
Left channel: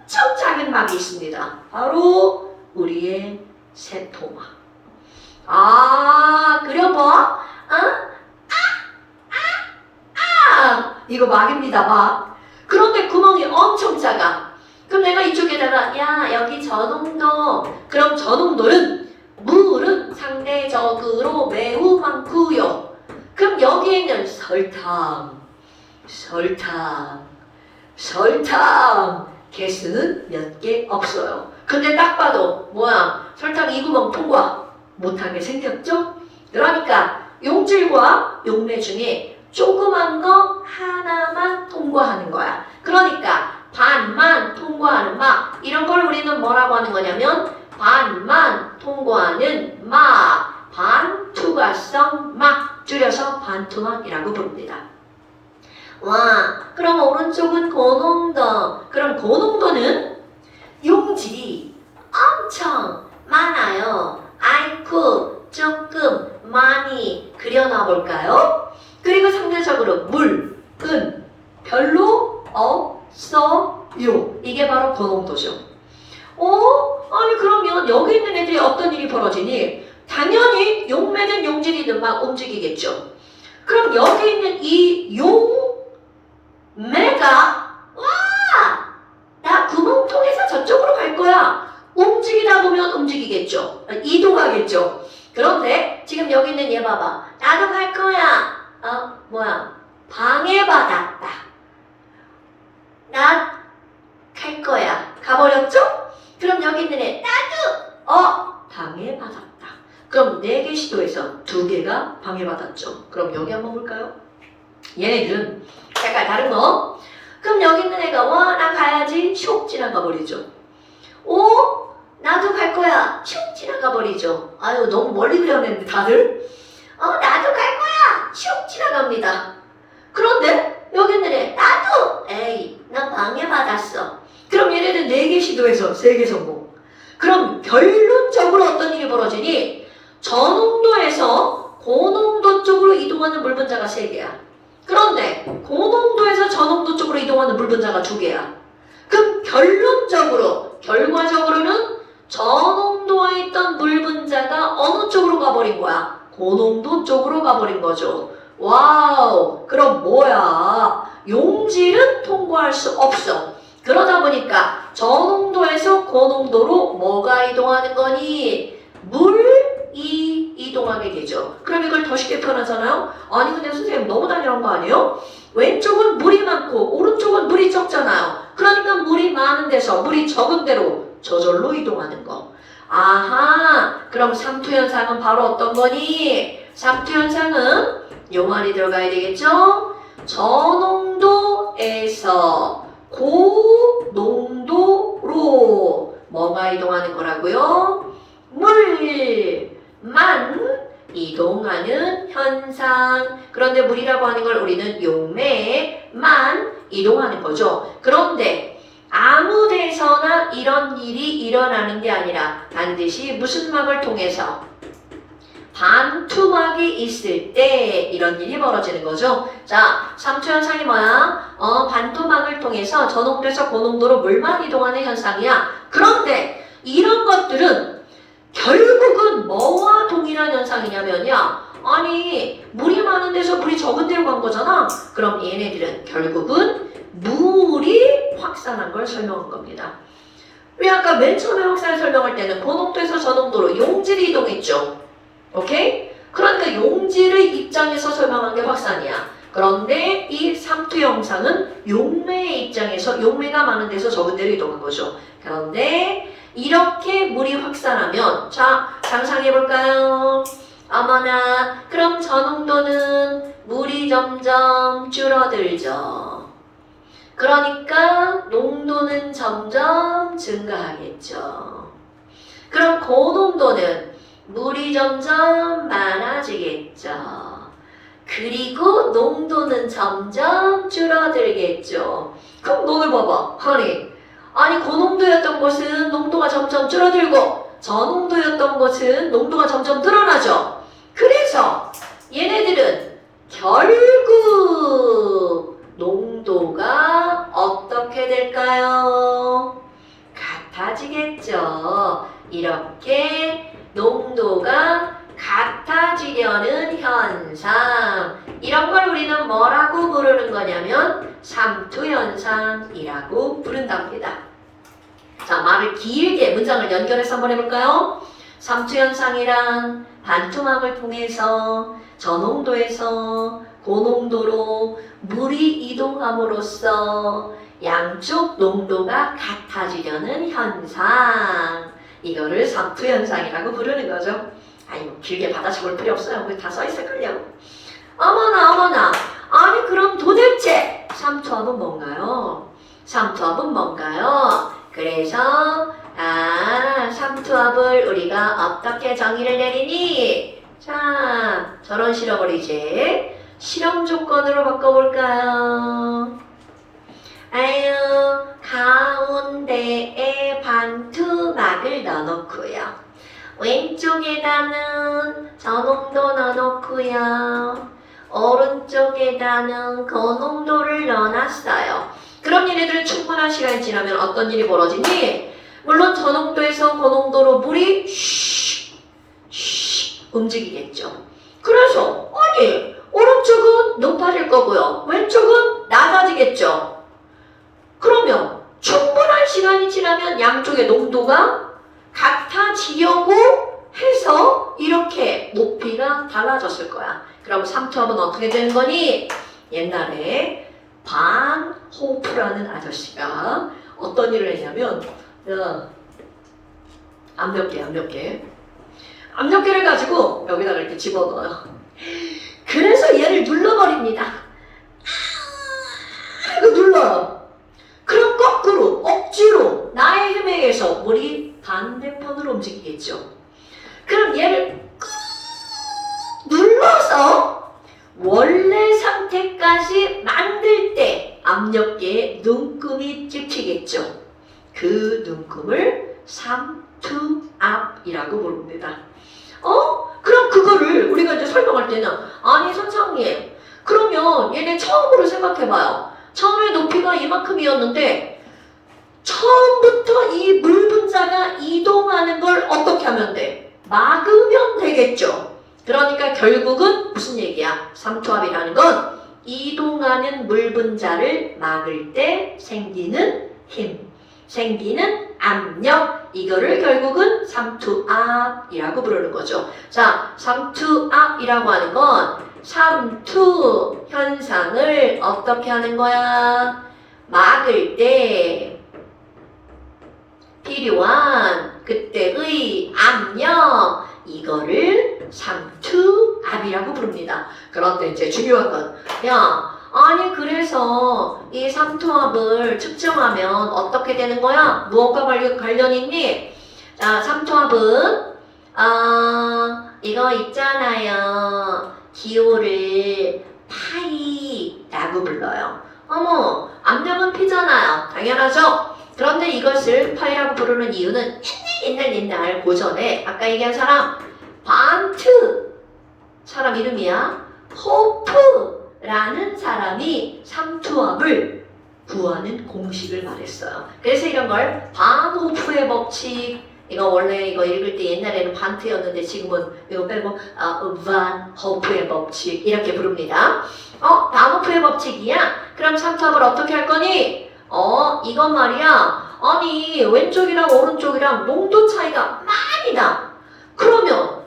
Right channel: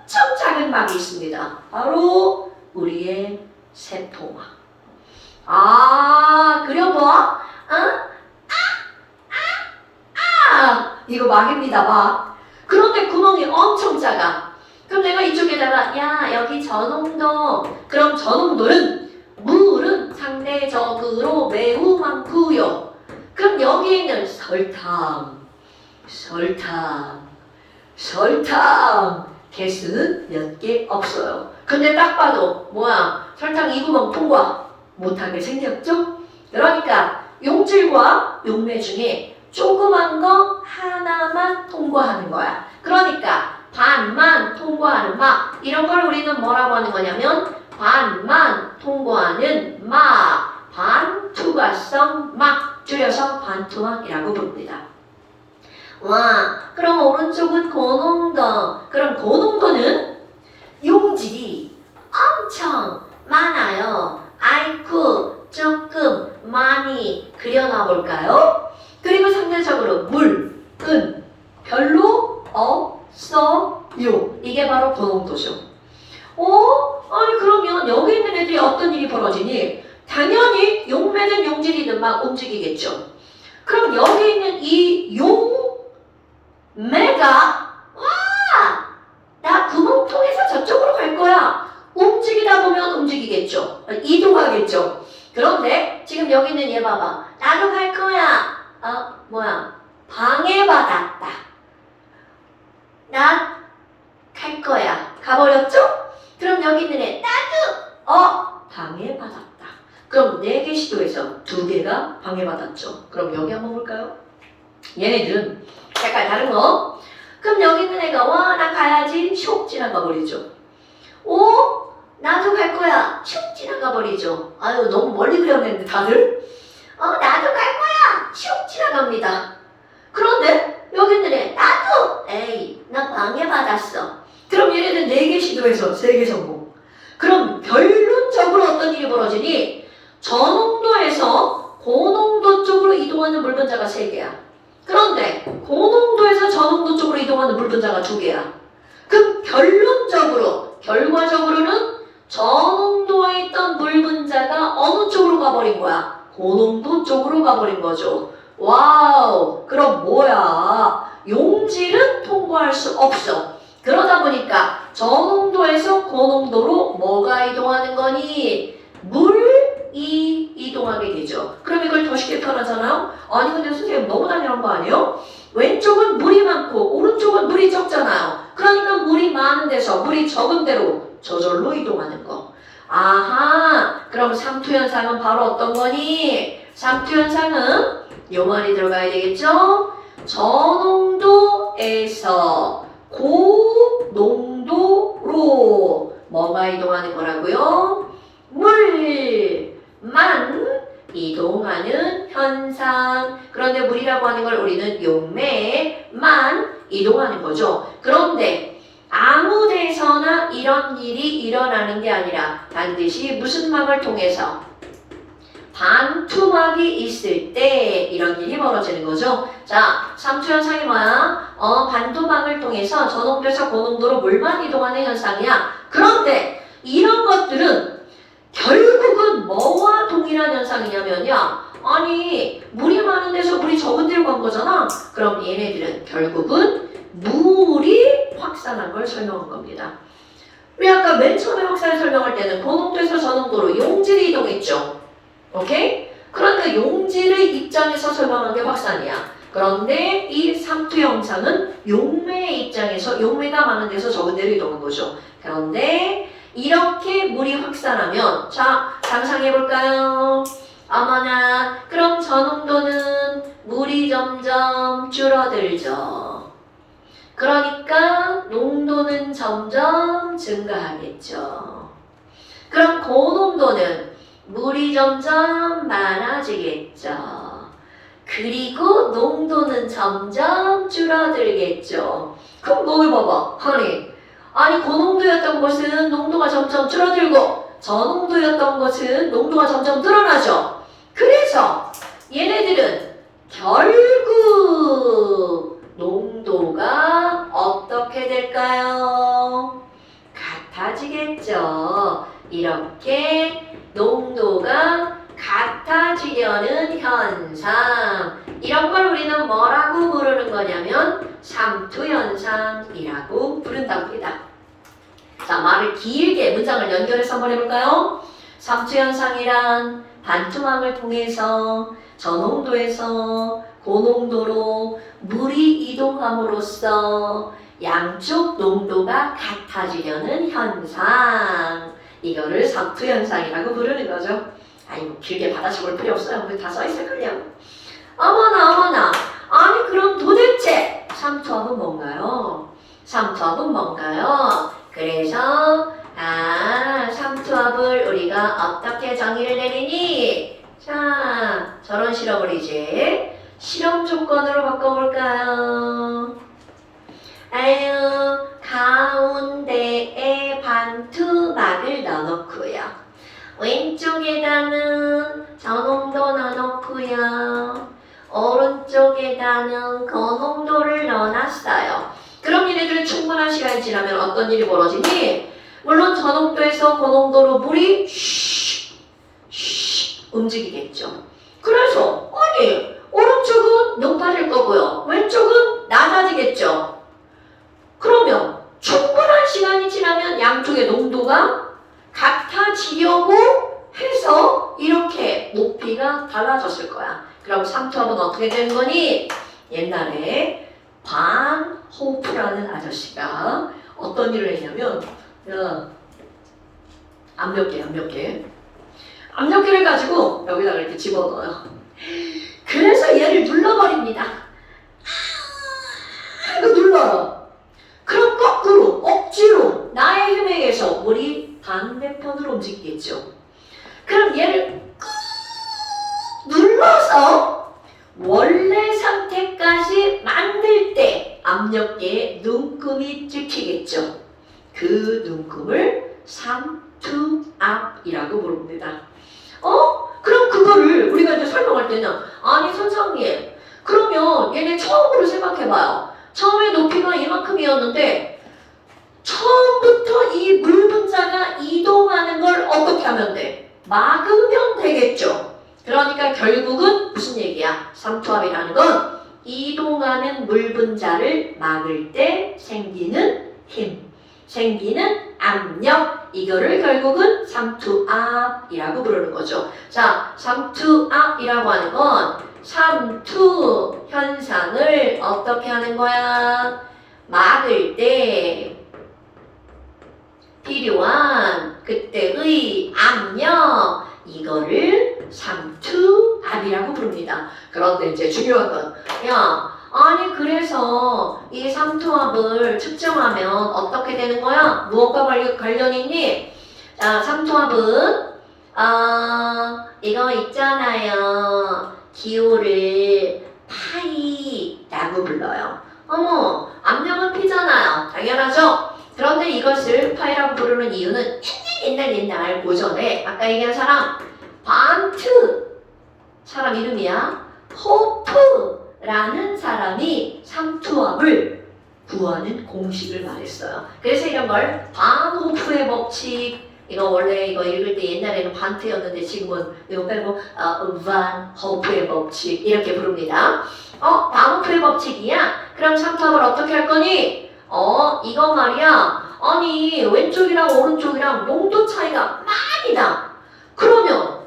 엄청 작은 막이 있습니다. 바로 우리의 세포막. 그려 뭐? 이거 막입니다. 막. 그런데 구멍이 엄청 작아. 그럼 그럼 내가 이쪽에다가 야 여기 저농도 그럼 저농도는 물은 상대적으로 매우 많고요. 그럼 여기에는 설탕 개수는 몇 개 없어요. 근데 딱 봐도 뭐야 설탕 2구멍 통과 못하게 생겼죠? 그러니까 용질과 용매 중에 조그만 거 하나만 통과하는 거야. 그러니까 반만 통과하는 막 이런 걸 우리는 뭐라고 하는 거냐면 반만 통과하는 막 반투과성 막 줄여서 반투막이라고 부릅니다. 와 그럼 오른쪽은 고농도. 그럼 고농도는 용질이 엄청 많아요. 아이쿠 조금 많이 그려놔 볼까요? 그리고 상대적으로 물은 별로 없어요. 이게 바로 고농도죠. 아니 그러면 여기 있는 애들이 어떤 일이 벌어지니? 당연히 용매든 용질이든 막 움직이겠죠. 그럼 여기 있는 이 용매가 나 구멍 통해서 저쪽으로 갈 거야. 움직이다 보면 움직이겠죠. 이동하겠죠. 그런데 지금 여기 있는 얘 봐봐. 나도 갈 거야. 방해받았다. 나 갈 거야. 가버렸죠? 그럼 여기 있는 애 나도 방해받았다. 그럼 4개 시도에서 2개가 방해받았죠. 그럼 여기 한번 볼까요? 얘네들은 약간 다른 거. 그럼 여기 있는 애가 나 가야지 슉 지나가 버리죠. 나도 갈 거야 슉 지나가 버리죠. 아유 너무 멀리 그렸는데 다들 나도 갈 거야 슉 지나갑니다. 그런데 여기 있는 애 나도 에이 나 방해받았어. 그럼 얘네들 4개 시도해서 3개 성공. 그럼 결론적으로 어떤 일이 벌어지니? 저농도에서 고농도 쪽으로 이동하는 물분자가 3개야. 그런데 고농도에서 저농도 쪽으로 이동하는 물분자가 2개야. 그럼 결과적으로는 저농도에 있던 물분자가 어느 쪽으로 가버린 거야? 고농도 쪽으로 가버린 거죠. 와우! 그럼 뭐야? 용질은 통과할 수 없어. 그러다 보니까 저농도에서 고농도로 뭐가 이동하는 거니? 물이 이동하게 되죠. 그럼 이걸 더 쉽게 표현하잖아요. 아니 근데 선생님 너무 당연한 거 아니에요? 왼쪽은 물이 많고 오른쪽은 물이 적잖아요. 그러니까 물이 많은 데서 물이 적은 데로 저절로 이동하는 거. 아하, 그럼 삼투현상은 바로 어떤 거니? 삼투현상은 요 말이 들어가야 되겠죠? 저농도에서 고농도로 뭐가 이동하는 거라고요? 물만 이동하는 현상. 그런데 물이라고 하는 걸 우리는 용매만 이동하는 거죠. 그런데 아무 데서나 이런 일이 일어나는 게 아니라 반드시 무슨 막을 통해서 반투막이 있을 때 이런 일이 벌어지는 거죠. 자, 삼투현상이 뭐야? 반투막을 통해서 저농도에서 고농도로 물만 이동하는 현상이야. 그런데 이런 것들은 결국은 뭐와 동일한 현상이냐면요. 아니 물이 많은 데서 물이 적은 데로 간 거잖아. 그럼 얘네들은 결국은 물이 확산한 걸 설명한 겁니다. 우리 아까 맨 처음에 확산 설명할 때는 고농도에서 저농도로 용질이 이동했죠. 오케이? 그러니까 용질의 입장에서 설명한 게 확산이야. 그런데 이 삼투 영상은 용매의 입장에서 용매가 많은 데서 적은 데로 이동한 거죠. 그런데 이렇게 물이 확산하면 자 상상해볼까요? 어머나 그럼 저농도는 물이 점점 줄어들죠. 그러니까 농도는 점점 증가하겠죠. 그럼 고농도는 물이 점점 많아지겠죠. 그리고 농도는 점점 줄어들겠죠. 그럼 거기 봐봐. 아니 고농도였던 곳은 농도가 점점 줄어들고 저농도였던 곳은 농도가 점점 늘어나죠. 그래서 얘네들은 결국 농도가 어떻게 될까요? 같아지겠죠. 이렇게 농도가 같아지려는 현상, 이런 걸 우리는 뭐라고 부르는 거냐면 삼투현상이라고 부른답니다. 자, 말을 길게 문장을 연결해서 한번 해볼까요? 삼투현상이란 반투막을 통해서 저농도에서 고농도로 물이 이동함으로써 양쪽 농도가 같아지려는 현상. 이거를 삼투현상이라고 부르는 거죠. 아니, 길게 받아치고 올 필요 없어요. 우리 다 써있을걸요. 어머나, 어머나. 아니, 그럼 도대체 삼투압은 뭔가요? 삼투압은 뭔가요? 그래서 삼투압을 우리가 어떻게 정의를 내리니? 자, 저런 실험을 이제 실험 조건으로 바꿔볼까요? 아유, 가운데에 반투막을 넣어놓고요. 왼쪽에다는 저농도 넣어놓고요. 오른쪽에다는 고농도를 넣어놨어요. 그럼 얘네들이 충분한 시간이 지나면 어떤 일이 벌어지니? 물론 저농도에서 고농도로 물이 움직이겠죠. 그래서 아니 오른쪽은 높아질 거고요. 왼쪽은 낮아지겠죠. 그러면 충분한 시간이 지나면 양쪽의 농도가 같아지려고 해서 이렇게 높이가 달라졌을 거야. 그럼 삼투압은 어떻게 되는 거니? 옛날에 반 호프라는 아저씨가 어떤 일을 했냐면 압력계를 가지고 여기다가 이렇게 집어넣어요. 그래서 얘를 눌러버립니다. 하고 눌러요. 그럼 거꾸로 억지로 나의 힘에 의해서 물이 반대편으로 움직이겠죠. 그럼 얘를 꾹 눌러서 원래 상태까지 만들 때 압력계에 눈금이 찍히겠죠. 그 눈금을 삼투압이라고 부릅니다. 그럼 그거를 우리가 이제 설명할 때는 아니 선생님 그러면 얘네 처음으로 생각해봐요. 처음에 높이가 이만큼이었는데 처음부터 이 물 분자가 이동하는 걸 어떻게 하면 돼? 막으면 되겠죠. 그러니까 결국은 무슨 얘기야? 삼투압이라는 건 이동하는 물 분자를 막을 때 생기는 힘, 생기는 압력, 이거를 결국은 삼투압이라고 부르는 거죠. 자, 삼투압이라고 하는 건 삼투 현상을 어떻게 하는 거야? 막을 때 필요한 그때의 압력, 이거를 삼투압이라고 부릅니다. 그런데 이제 중요한 건, 아니 그래서 이 삼투압을 측정하면 어떻게 되는 거야? 무엇과 관련 있니? 자, 삼투압은 이거 있잖아요. 기호를 파이라고 불러요. 어머, 압력은 P잖아요. 당연하죠? 그런데 이것을 파이라고 부르는 이유는 옛날 고전에 아까 얘기한 사람 반트 사람 이름이야. 호프라는 사람이 삼투압을 구하는 공식을 말했어요. 그래서 이런 걸 반호프의 법칙, 이거 원래 이거 읽을 때 옛날에는 반트였는데 지금은 이거 빼고 반 호프의 법칙 이렇게 부릅니다. 반호프의 법칙이야? 그럼 삼투압을 어떻게 할 거니? 이거 말이야. 아니 왼쪽이랑 오른쪽이랑 농도 차이가 많이 나. 그러면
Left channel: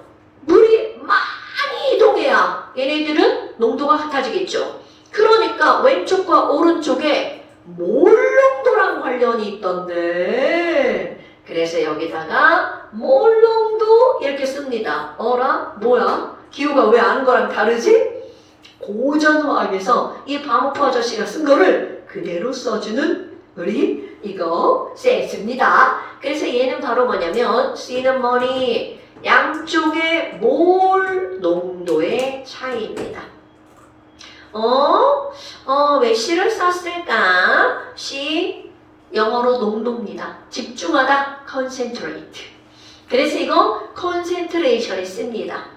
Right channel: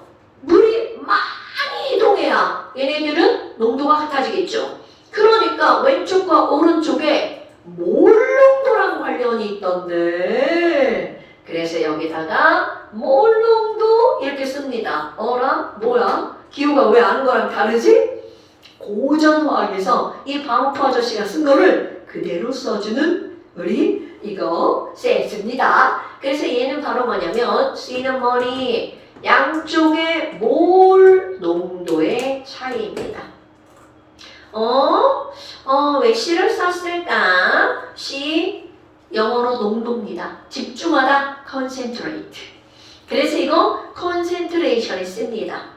물이 많이 이동해야 얘네들은 농도가 같아지겠죠. 그러니까 왼쪽과 오른쪽에 몰농도랑 관련이 있던데, 그래서 여기다가 몰농도 이렇게 씁니다. 어라? 뭐야? 기호가 왜 아는 거랑 다르지? 고전화학에서 이 방어포 아저씨가 쓴 거를 그대로 써주는 우리 이거 셋입니다. 그래서 얘는 바로 뭐냐면 쓰이는 머리 양쪽의 몰 농도의 차이입니다. 왜 C를 썼을까? C 영어로 농도입니다. 집중하다 concentrate. 그래서 이거 concentration이 씁니다.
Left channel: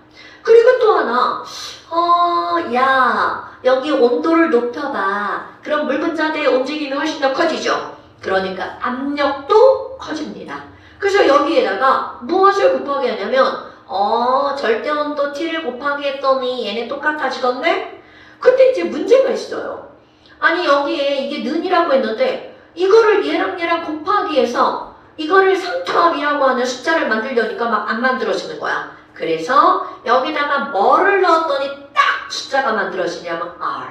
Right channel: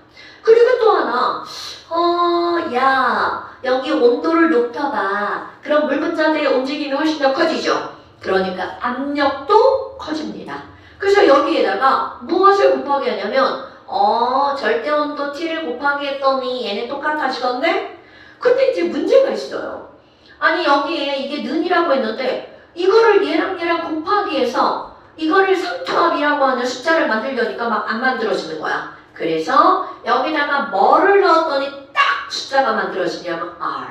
그리고 또 하나 여기 온도를 높여봐. 그럼 물 분자들의 움직임이 훨씬 더 커지죠. 그러니까 압력도 커집니다. 그래서 여기에다가 무엇을 곱하게 하냐면 절대 온도 T를 곱하기 했더니 얘네 똑같아지던데? 그때 이제 문제가 있어요. 아니 여기에 이게 는이라고 했는데 이거를 얘랑 곱하기 해서 이거를 상투합이라고 하는 숫자를 만들려니까 막 안 만들어지는 거야. 그래서 여기다가 뭐를 넣었더니 딱 숫자가 만들어지냐면 R.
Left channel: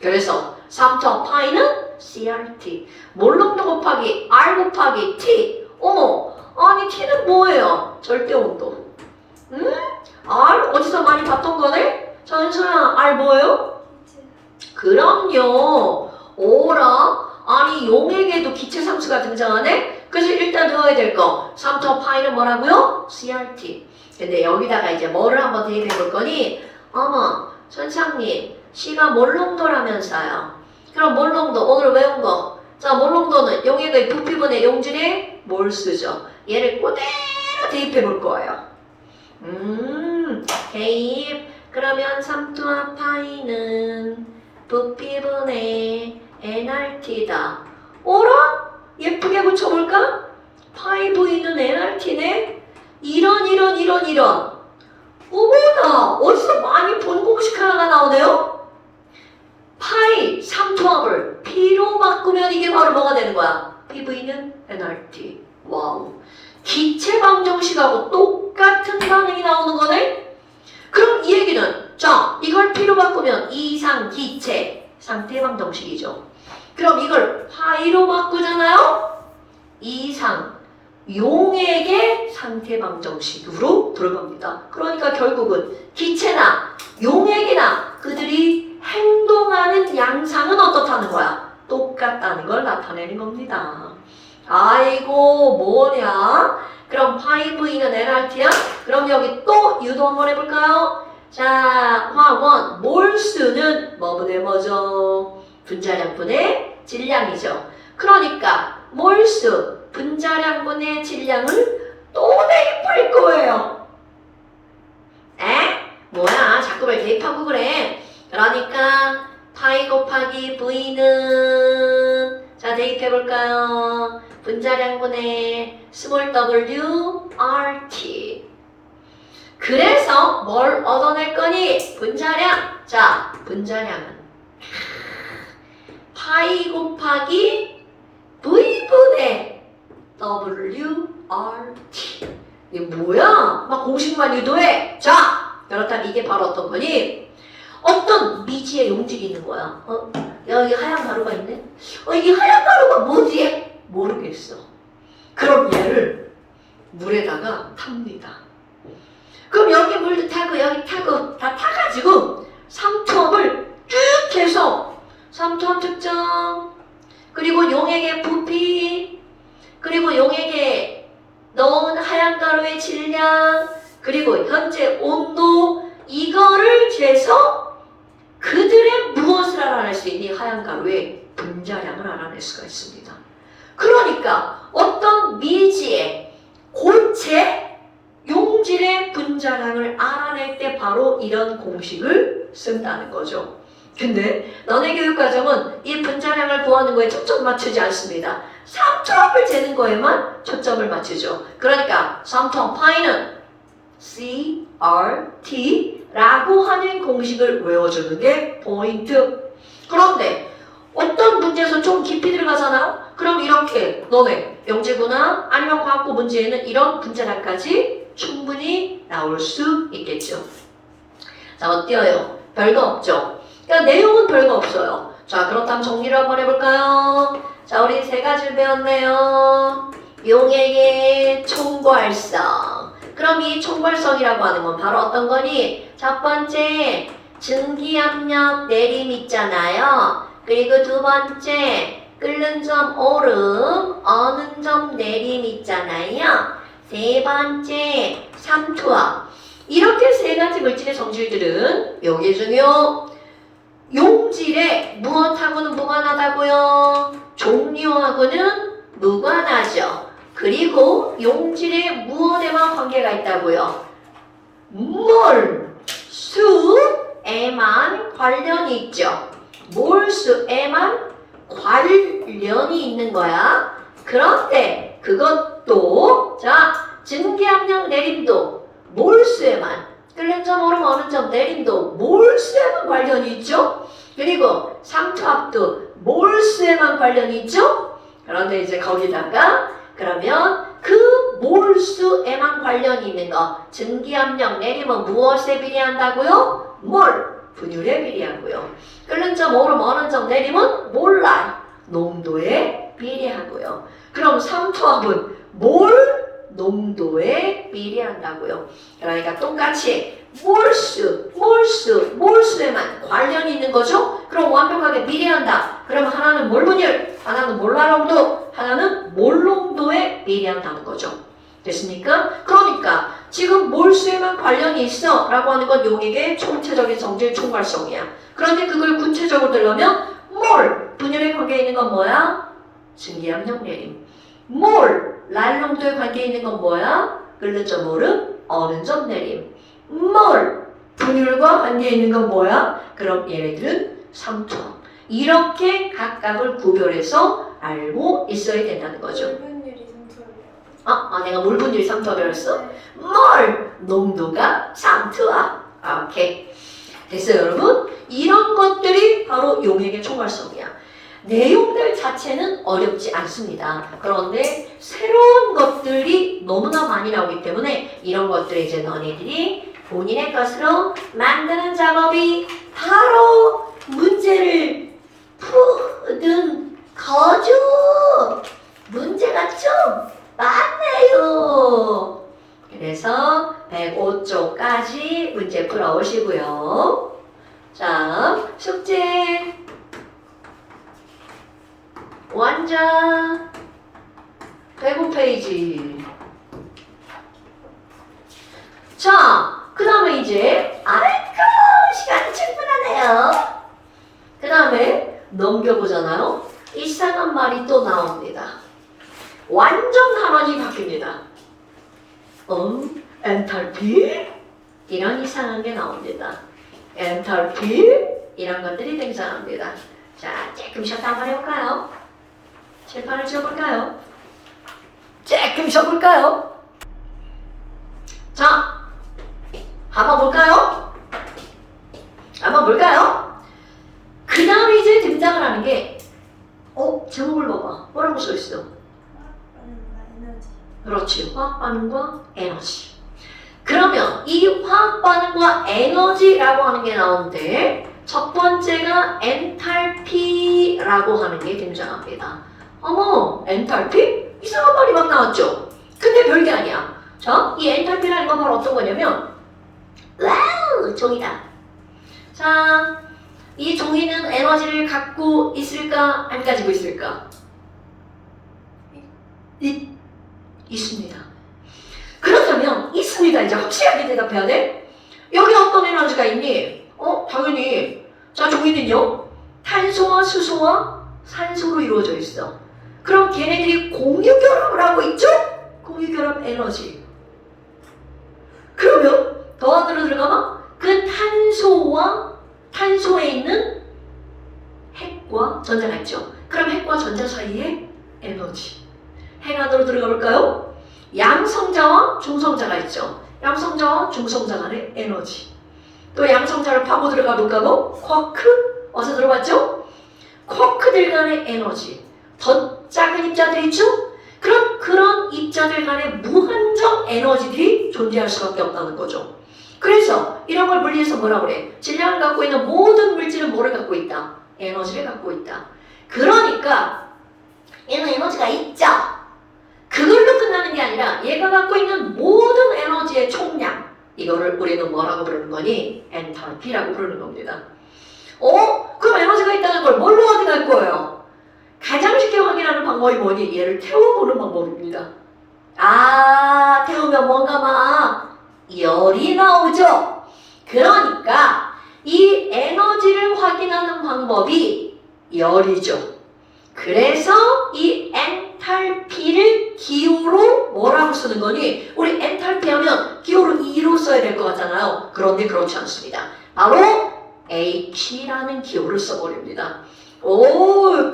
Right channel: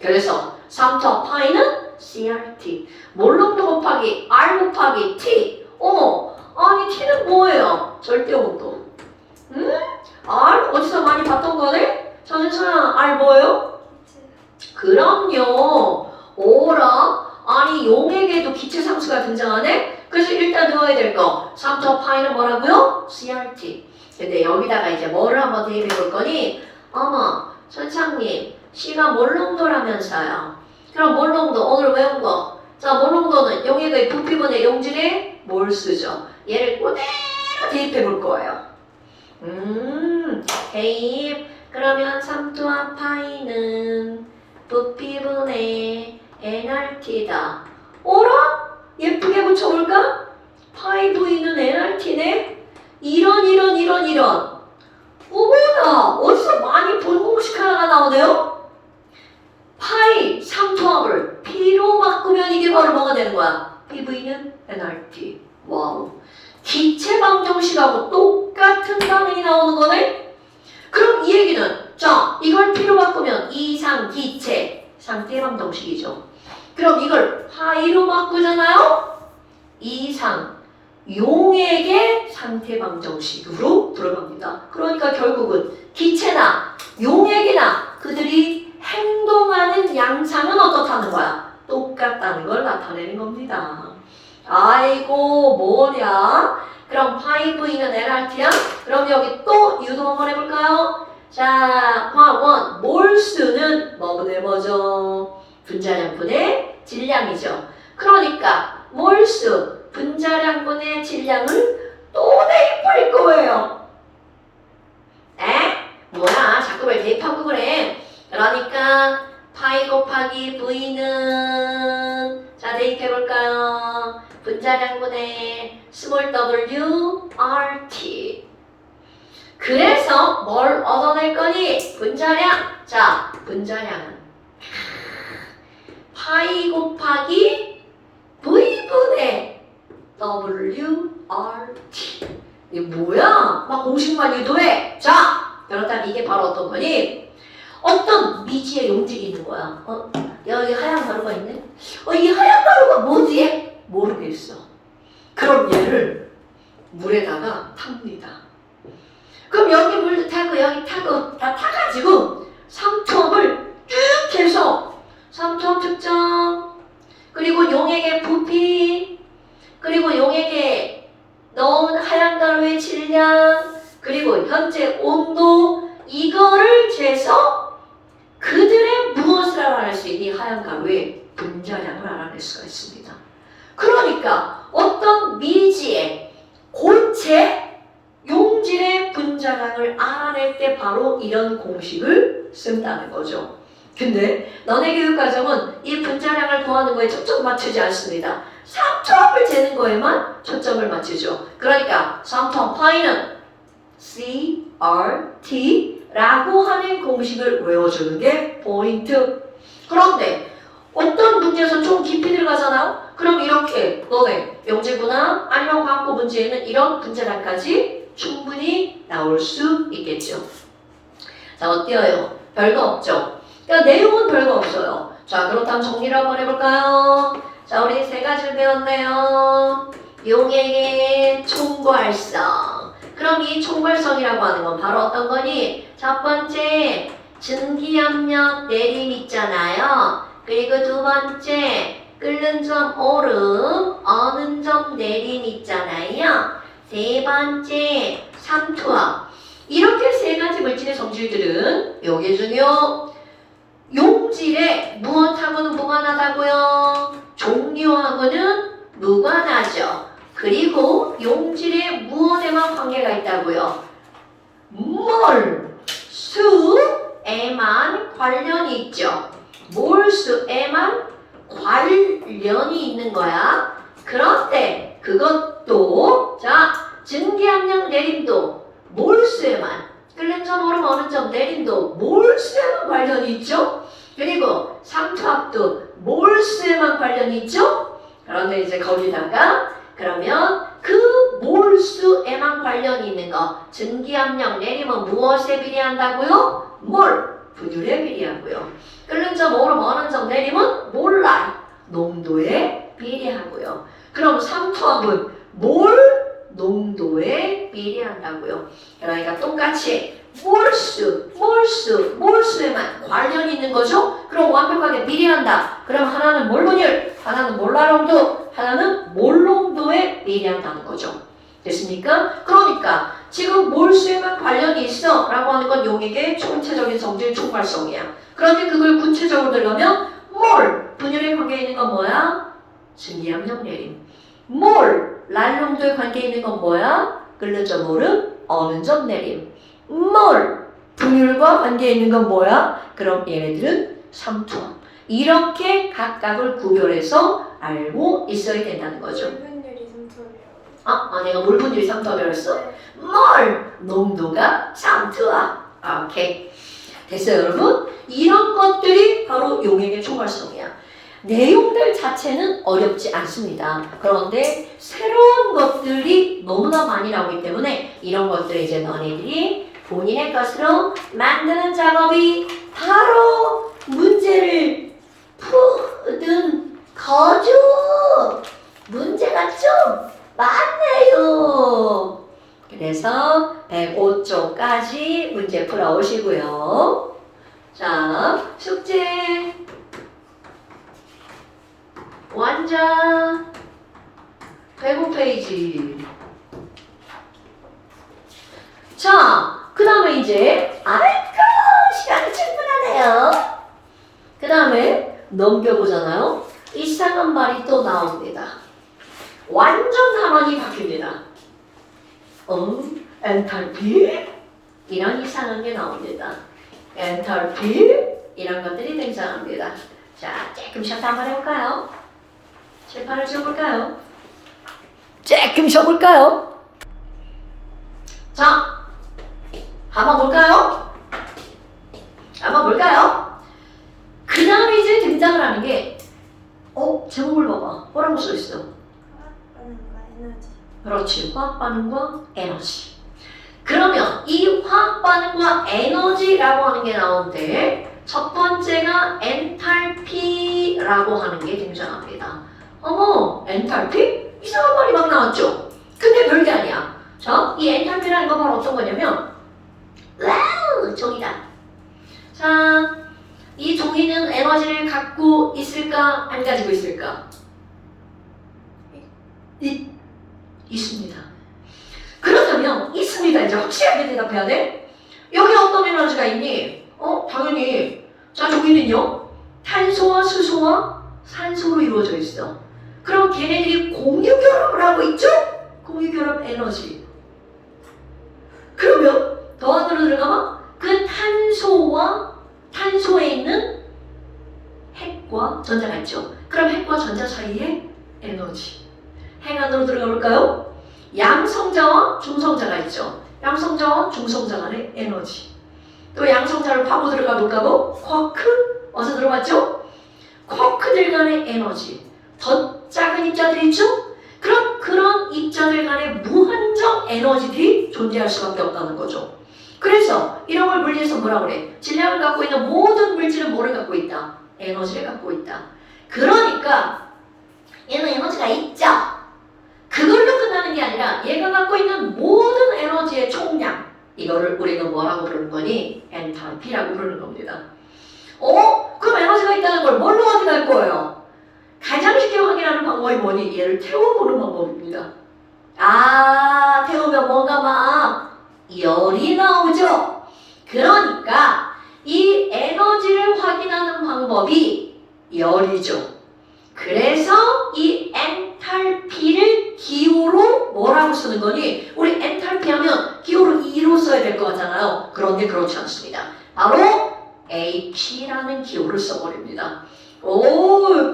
그래서 상투합 파이는 CRT. 몰롱도 곱하기 R 곱하기 T. 어머, 아니 T는 뭐예요? 절대온도. R 어디서 많이 봤던 거네? 전소야, R 뭐예요? 그럼요. 오라. 아니 용에게도 기체 상수가 등장하네? 그래서 일단 넣어야 될 거. 상투합 파이는 뭐라고요? CRT. 근데 여기다가 이제 뭐를 한번 대입해 볼 거니? 어머, 선창님, C가 몰롱도라면서요. 그럼 몰롱도 오늘 외운 거. 자, 몰롱도는 용액의 부피분의 용질의 몰수죠. 얘를 그대로 대입해 볼 거예요. 대입. 그러면 삼투합 파이는 부피분의 NRT다. 오라? 예쁘게 붙여볼까? 파이 V는 NRT네? 이런. 오메나 어디서 많이 본 공식 하나가 나오네요? 파이 삼투합을 P로 바꾸면 이게 바로 뭐가 되는 거야? PV는 NRT. 와우. 기체 방정식하고 똑같은 반응이 나오는 거네? 그럼 이 얘기는 자 이걸 P로 바꾸면 이상 기체 상태 방정식이죠. 그럼 이걸 파이로 바꾸잖아요? 이상 용액의 상태 방정식으로 들어갑니다. 그러니까 결국은 기체나 용액이나 그들이 행동하는 양상은 어떻다는 거야? 똑같다는 걸 나타내는 겁니다. 아이고 뭐냐? 그럼 파이 V는 NRT야? 그럼 여기 또 유도 한번 해볼까요? 자, 화원 몰수는 뭐분의 뭐죠? 분자량분의 질량이죠. 그러니까 몰수 분자량분의 질량을 또 대입할 거예요. 에? 뭐야? 자꾸 왜 대입하고 그래? 그러니까 파이 곱하기 V는 자 대입해볼까요? 분자량분의 스몰 w RT. 그래서 뭘 얻어낼 거니? 분자량. 자, 분자량은 파이 곱하기 V분의 WRT. 이게 뭐야? 막 공식만 유도해. 자, 그렇다면 이게 바로 어떤 거니? 어떤 미지의 용질이 있는 거야. 여기 하얀 가루가 있네? 이 하얀 가루가 뭐지? 모르겠어. 그럼 얘를 물에다가 탑니다. 그럼 여기 물 타고 여기 타고 다 타가지고 상투합을 쭉 해서 상투합 특정 그리고 용액의 부피 그리고 용액에 넣은 하얀 가루의 질량 그리고 현재 온도 이거를 재서 그들의 무엇을 알아낼 수 있니? 하얀 가루의 분자량을 알아낼 수가 있습니다. 그러니까 어떤 미지의 고체 용질의 분자량을 알아낼 때 바로 이런 공식을 쓴다는 거죠. 근데 너네 교육과정은 이 분자량을 구하는 거에 초점 맞추지 않습니다. 상투합을 재는 거에만 초점을 맞추죠. 그러니까 상투합 파이는 CRT라고 하는 공식을 외워주는 게 포인트. 그런데 어떤 문제에서 좀 깊이 들어가잖아요? 그럼 이렇게 너네 영재구나 아니면 과학고 문제에는 이런 분자량까지 충분히 나올 수 있겠죠. 자, 어때요? 별거 없죠? 그러니까 내용은 별거 없어요. 자, 그렇다면 정리를 한번 해볼까요? 자, 우리 세 가지를 배웠네요. 용액의 총괄성. 그럼 이 총괄성이라고 하는 건 바로 어떤 거니? 첫 번째, 증기압력 내림 있잖아요. 그리고 두 번째, 끓는 점 오름, 어는 점 내림 있잖아요. 세 번째, 삼투압. 이렇게 세 가지 물질의 성질들은 여기 중요 용질에 무엇하고는 무관하다고요? 종류하고는 무관하죠. 그리고 용질의 무엇에만 관계가 있다고요? 몰수에만 관련이 있죠. 몰수에만 관련이 있는 거야. 그런데 그것도 자 증기압력 내림도 몰수에만 끓는 점 오름 어는 점 내림도 몰수에만 관련이 있죠. 그리고 상투합도 몰수에만 관련이 있죠. 그런데 이제 거기다가 그러면 그 몰수에만 관련이 있는 거 증기압력 내림은 무엇에 비례한다고요? 몰, 분율에 비례하고요. 끓는 점 오름 어는 점 내림은 몰랄, 농도에 비례하고요. 그럼 삼투압은 몰, 농도에 비례한다고요. 그러니까 똑같이 몰수에만 관련이 있는 거죠? 그럼 완벽하게 비례한다. 그럼 하나는 몰분율, 하나는 몰랄농도, 하나는 몰농도에 비례한다는 거죠. 됐습니까? 그러니까 지금 몰수에만 관련이 있어 라고 하는 건 용액의 총체적인 성질 총괄성이야. 그런데 그걸 구체적으로 들어가면 몰, 분율에 관계 있는 건 뭐야? 증기압력 내림. 몰, 랄농도에 관계 있는 건 뭐야? 끓는 점 오름, 어는 점 내림. 몰, 분율과 관계 있는 건 뭐야? 그럼 얘네들은 삼투압. 이렇게 각각을 구별해서 알고 있어야 된다는 거죠. 물분율이 삼투압이라고. 내가 물 분율이 삼투압이라고 했어? 네. 몰, 농도가 삼투압. 오케이. 됐어요, 여러분? 이런 것들이 바로 용액의 총괄성이야. 내용들 자체는 어렵지 않습니다. 그런데 새로운 것들이 너무나 많이 나오기 때문에 이런 것들을 이제 너네들이 본인의 것으로 만드는 작업이 바로 문제를 푸는 거죠. 문제가 좀 많네요. 그래서 105쪽까지 문제 풀어오시고요. 자, 숙제 완전 105페이지. 자, 그 다음에 이제 아이고 시간이 충분하네요. 그 다음에 넘겨보잖아요. 이상한 말이 또 나옵니다. 완전 가만히 바뀝니다. 엔탈피 이런 이상한 게 나옵니다. 엔탈피 이런 것들이 등장합니다. 자, 조금 쉬었다 한번 해볼까요? 칠판을 줘볼까요? 조금 쉬어볼까요? 자, 한번 볼까요? 한번 볼까요? 그 다음에 이제 등장을 하는 게 제목을 봐봐. 뭐라고 써있어? 반응과 에너지. 그렇지. 화학 반응과 에너지. 그러면 이 화학 반응과 에너지라고 하는 게 나오는데 첫 번째가 엔탈피라고 하는 게 등장합니다. 어머, 엔탈피? 이상한 말이 막 나왔죠? 근데 별게 아니야. 자, 이 엔탈피라는 건 바로 어떤 거냐면 와우, 종이다. 자, 이 종이는 에너지를 갖고 있을까? 안 가지고 있을까? 있습니다. 그렇다면 있습니다. 이제 확실하게 대답해야 돼. 여기 어떤 에너지가 있니? 당연히. 자, 종이는요. 탄소와 수소와 산소로 이루어져 있어. 그럼 걔네들이 공유결합을 하고 있죠? 공유결합 에너지. 그러면 더 안으로 들어가면 그 탄소에 있는 핵과 전자가 있죠. 그럼 핵과 전자 사이에 에너지. 핵 안으로 들어가 볼까요? 양성자와 중성자가 있죠. 양성자와 중성자 간의 에너지. 또 양성자를 파고 들어가 볼까요? 쿼크? 어디서 들어봤죠? 쿼크들 간의 에너지. 더 작은 입자들 있죠? 그런 입자들 간의 무한정 에너지들이 존재할 수밖에 없다는 거죠. 그래서 이런 걸 물리에서 뭐라 그래? 질량을 갖고 있는 모든 물질은 뭐를 갖고 있다? 에너지를 갖고 있다. 그러니까 얘는 에너지가 있죠. 그걸로 끝나는 게 아니라 얘가 갖고 있는 모든 에너지의 총량, 이거를 우리는 뭐라고 부르는 거니? 엔탈피라고 부르는 겁니다. 그럼 에너지가 있다는 걸 뭘로 확인할 거예요? 가장 쉽게 확인하는 방법이 뭐니? 얘를 태워보는 방법입니다. 태우면 뭔가 막 열이 나오죠? 그러니까 이 에너지를 확인하는 방법이 열이죠. 그래서 이 엔탈피를 기호로 뭐라고 쓰는 거니? 우리 엔탈피 하면 기호로 2로 써야 될 것 같잖아요. 그런데 그렇지 않습니다. 바로 H라는 기호를 써버립니다.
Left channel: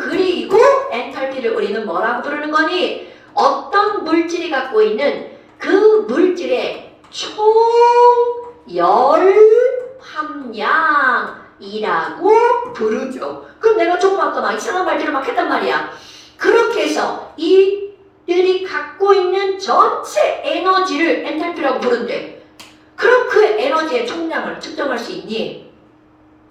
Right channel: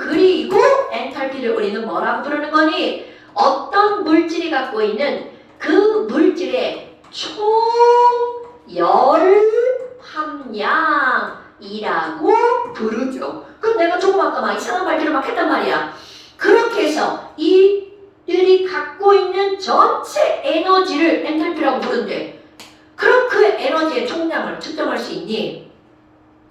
그리고 엔탈피를 우리는 뭐라고 부르는 거니? 어떤 물질이 갖고 있는 그 물질의 총열 함량이라고 부르죠. 그럼 내가 조금 아까 막 이상한 말들을 막 했단 말이야. 그렇게 해서 이들이 있으니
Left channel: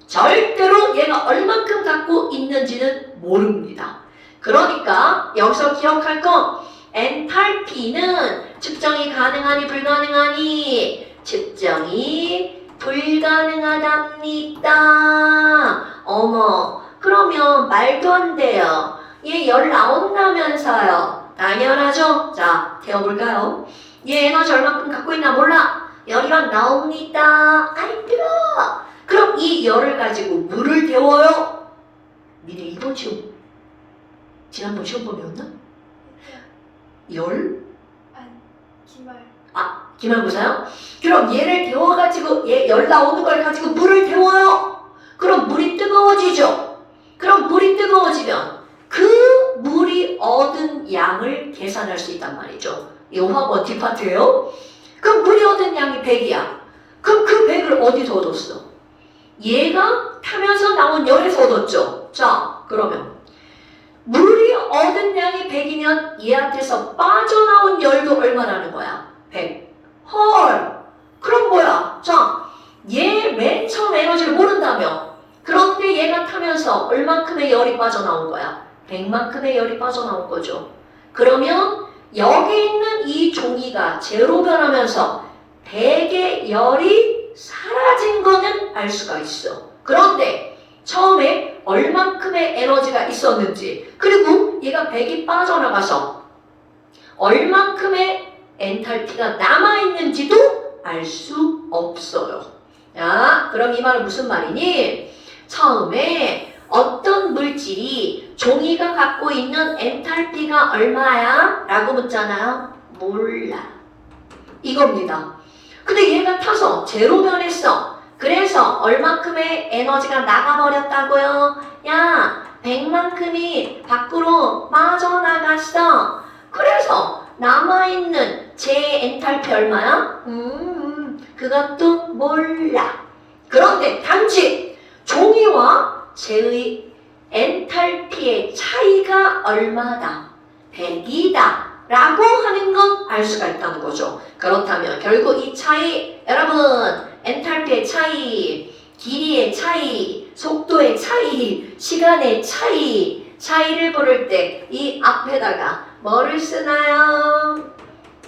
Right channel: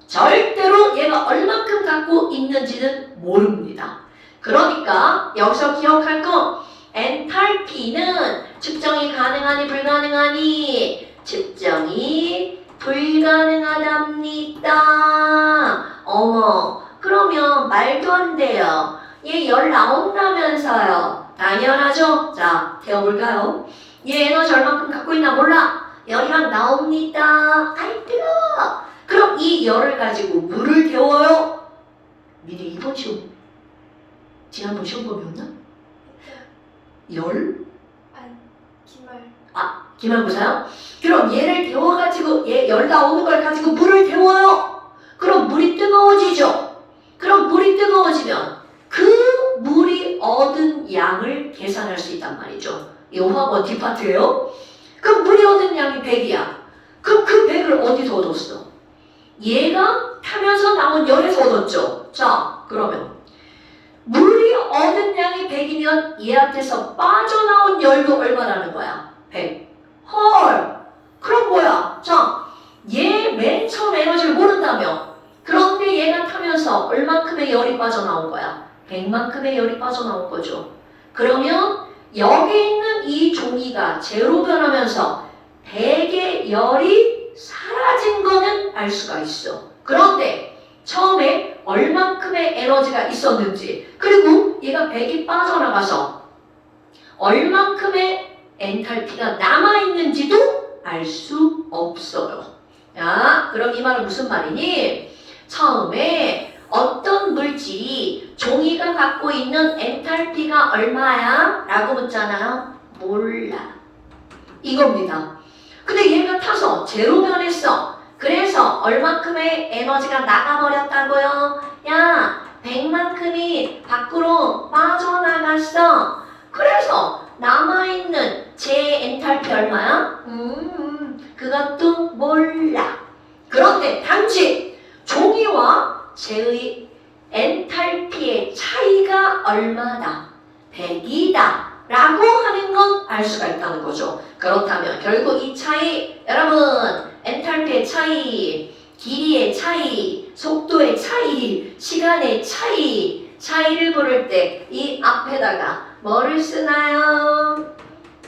절대로 얘가 얼만큼 갖고 있는지는 모릅니다. 그러니까 여기서 기억할 건 엔탈피는 측정이 가능하니 불가능하니 측정이 불가능하답니다. 어머, 그러면 말도 안 돼요. 얘 열 나온다면서요. 당연하죠. 자, 태워볼까요? 얘 에너지 얼만큼 갖고 있나 몰라. 열이랑 나옵니다. 아이 뜨거. 그럼 이 열을 가지고 물을 데워요. 니네 이번 시험 지난번 시험 보면였나? 열? 아니 기말. 기말고사요? 그럼 얘를 데워가지고 얘 열 나오는 걸 가지고 물을 데워요. 그럼 물이 뜨거워지죠. 그럼 물이 뜨거워지면 그 물이 얻은 양을 계산할 수 있단 말이죠. 이 화학원 뒷파트예요. 그럼 물이 얻은 양이 100이야. 그럼 그 100을 어디서 얻었어? 얘가 타면서 나온 열에서 얻었죠. 자, 그러면 물이 얻은 양이 100이면 얘한테서 빠져나온 열도 얼마라는 거야? 100. 헐! 그럼 뭐야? 자, 얘 맨 처음 에너지를 모른다며. 그런데 얘가 타면서 얼만큼의 열이 빠져나온 거야? 100만큼의 열이 빠져나온 거죠. 그러면 여기 있는 이 종이가 제로 변하면서 100의 열이 사라진 거는 알 수가 있어. 그런데 처음에 얼만큼의 에너지가 있었는지, 그리고 얘가 100이 빠져나가서 얼만큼의 엔탈피가 남아있는지도 알 수 없어요. 자, 그럼 이 말은 무슨 말이니? 처음에 어떤 물질이 종이가 갖고 있는 엔탈피가 얼마야? 라고 묻잖아. 몰라. 이겁니다. 근데 얘가 타서 제로 변했어. 그래서 얼만큼의 에너지가 나가버렸다고요? 야, 100만큼이 밖으로 빠져나갔어. 그래서 남아있는 제 엔탈피 얼마야? 그것도 몰라. 그런데 단지 종이와 재의 엔탈피의 차이가 얼마다? 100이다 라고 하는 건 알 수가 있다는 거죠. 그렇다면 결국 이 차이, 여러분, 엔탈피의 차이, 길이의 차이, 속도의 차이, 시간의 차이, 차이를 부를 때 이 앞에다가 뭐를 쓰나요?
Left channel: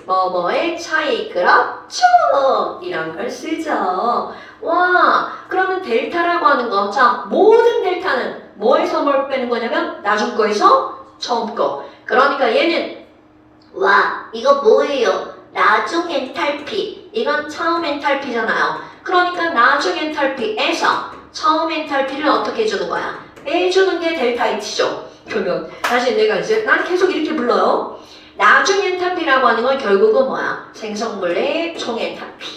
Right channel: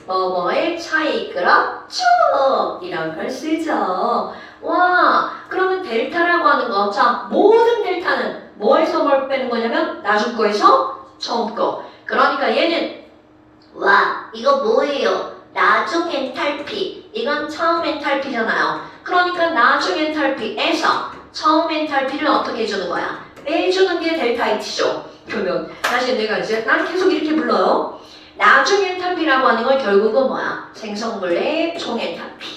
뭐뭐의 차이, 그렇죠? 이런 걸 쓰죠. 와, 그러면 델타라고 하는 거, 자, 모든 델타는 뭐에서 뭘 빼는 거냐면 나중 거에서 처음 거. 그러니까 얘는 와, 이거 뭐예요? 나중 엔탈피. 이건 처음 엔탈피잖아요. 그러니까 나중 엔탈피에서 처음 엔탈피를 어떻게 해주는 거야? 빼주는 게 델타 H죠. 그러면 사실 내가 이제 난 계속 이렇게 불러요. 나중 엔탈피라고 하는 건 결국은 뭐야? 생성물의 총 엔탈피.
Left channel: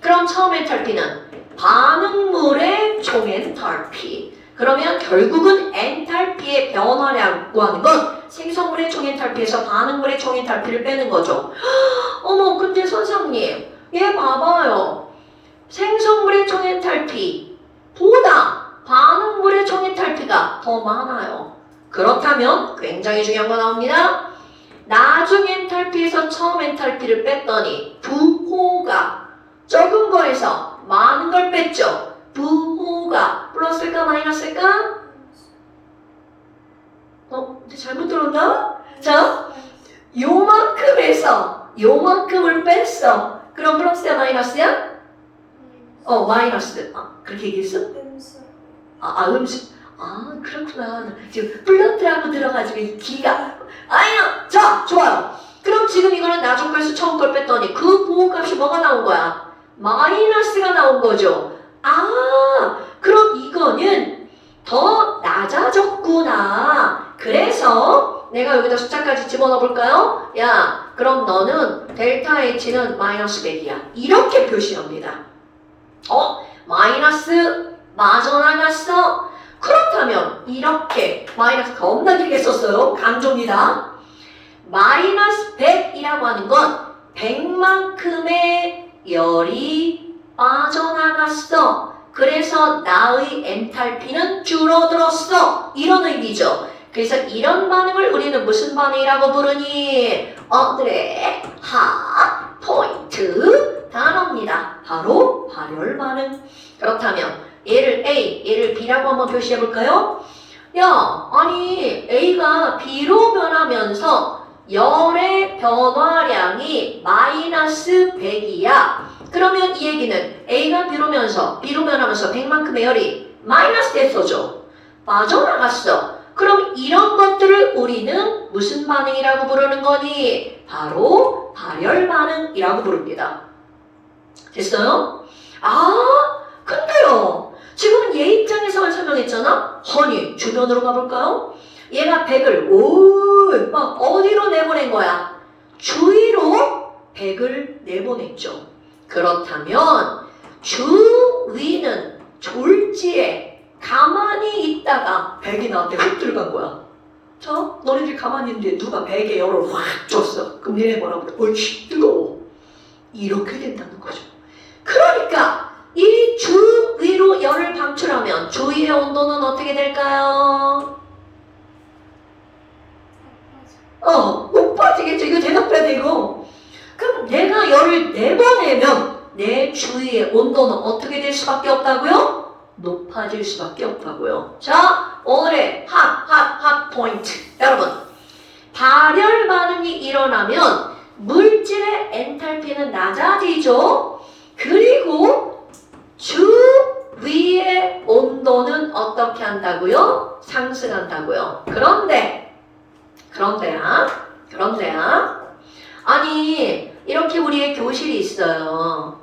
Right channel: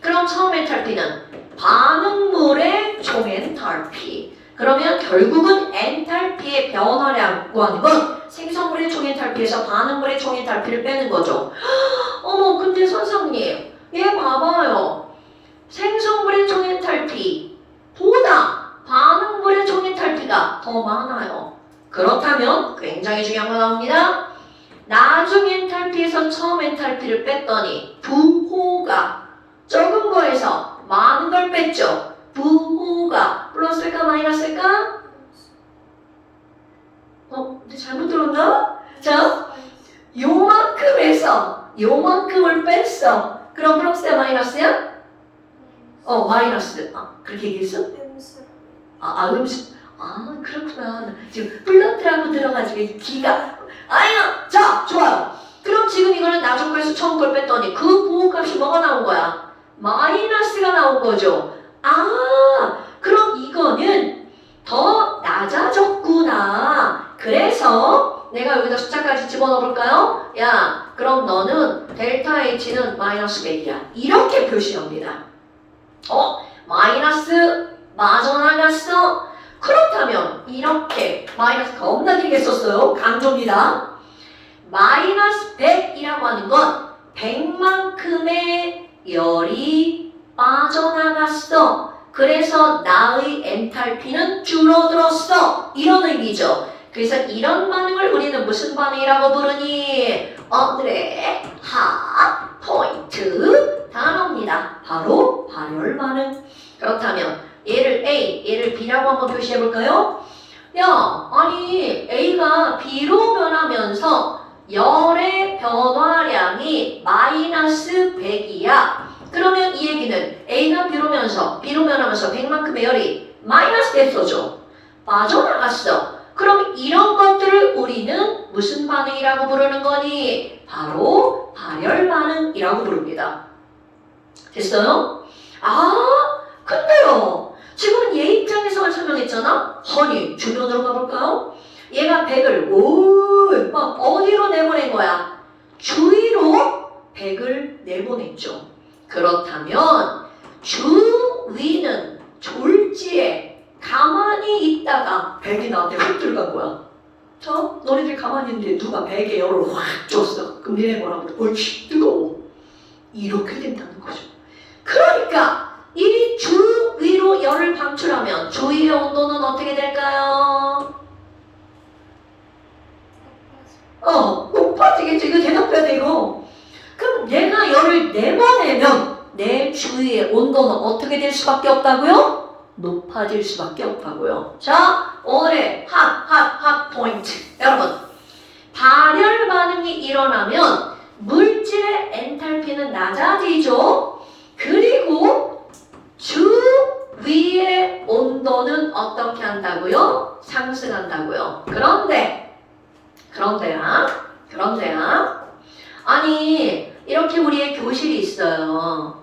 그럼 처음 엔탈피는 반응물의 총 엔탈피. 그러면 결국은 엔탈피의 변화량고 하는 건 생성물의 총 엔탈피에서 반응물의 총 엔탈피를 빼는 거죠. 어머, 근데 선생님, 얘 봐봐요. 생성물의 총 엔탈피보다 반응물의 총 엔탈피가 더 많아요. 그렇다면 굉장히 중요한 거 나옵니다. 나중 엔탈피에서 처음 엔탈피를 뺐더니 부호가 적은 거에서 많은 걸 뺐죠. 부호가 플러스일까 마이너스일까? 근데 잘못 들었나? 자, 요만큼에서 요만큼을 뺐어. 그럼 플러스야 마이너스야? 마이너스. 그렇게 얘기했어? 음수. 음수. 그렇구나. 지금 플러트라고 들어가지고 기가. 자, 좋아요. 그럼 지금 이거는 나중 거에서 처음 걸 뺐더니 그 부호값이 뭐가 나온 거야? 마이너스가 나온 거죠. 그럼 이거는 더 낮아졌구나. 그래서 내가 여기다 숫자까지 집어넣어 볼까요? 야, 그럼 너는 델타 H는 마이너스 100이야. 이렇게 표시합니다. 마이너스 빠져나갔어. 그렇다면 이렇게 마이너스 겁나 길게 썼어요. 강조입니다. 마이너스 100이라고 하는 건 100만큼의 열이 빠져나갔어. 그래서 나의 엔탈피는 줄어들었어. 이런 의미죠. 그래서 이런 반응을 우리는 무슨 반응이라고 부르니? 그래, 하 포인트 단어입니다. 바로 발열 반응. 그렇다면 얘를 A, 얘를 B라고 한번 표시해 볼까요? 야, 아니 A가 B로 변하면서 열의 변화량이 마이너스 100이야. 그러면 이 얘기는 A가 B로 변하면서 100만큼의 열이 마이너스 됐어죠. 빠져나갔어. 그럼 이런 것들을 우리는 무슨 반응이라고 부르는 거니? 바로 발열 반응이라고 부릅니다. 됐어요? 아, 근데요. 지금은 얘 입장에서만 설명했잖아? 아니, 주변으로 가볼까요? 얘가 100을 막 어디로 내보낸 거야? 주위로 100을 내보냈죠. 그렇다면 주위는 졸지에 가만히 있다가 100이 나한테 훅 들어간 거야. 자, 너희들이 가만히 있는데 누가 100의 열을 확 줬어. 그럼 니네 뭐라 그래? 옳지, 뜨거워. 이렇게 된다는 거죠. 그러니까 이 주위로 열을 방출하면 주위의 온도는 어떻게 될까요? 높아지겠죠. 이거 대답해야 되고. 그럼 내가 열을 내보내면 내 주위의 온도는 어떻게 될 수밖에 없다고요? 높아질 수밖에 없다고요. 자, 오늘의 핫 포인트. 여러분, 발열 반응이 일어나면 물질의 엔탈피는 낮아지죠. 그리고 주위의 온도는 어떻게 한다고요? 상승한다고요. 그런데야. 아니, 이렇게 우리의 교실이 있어요.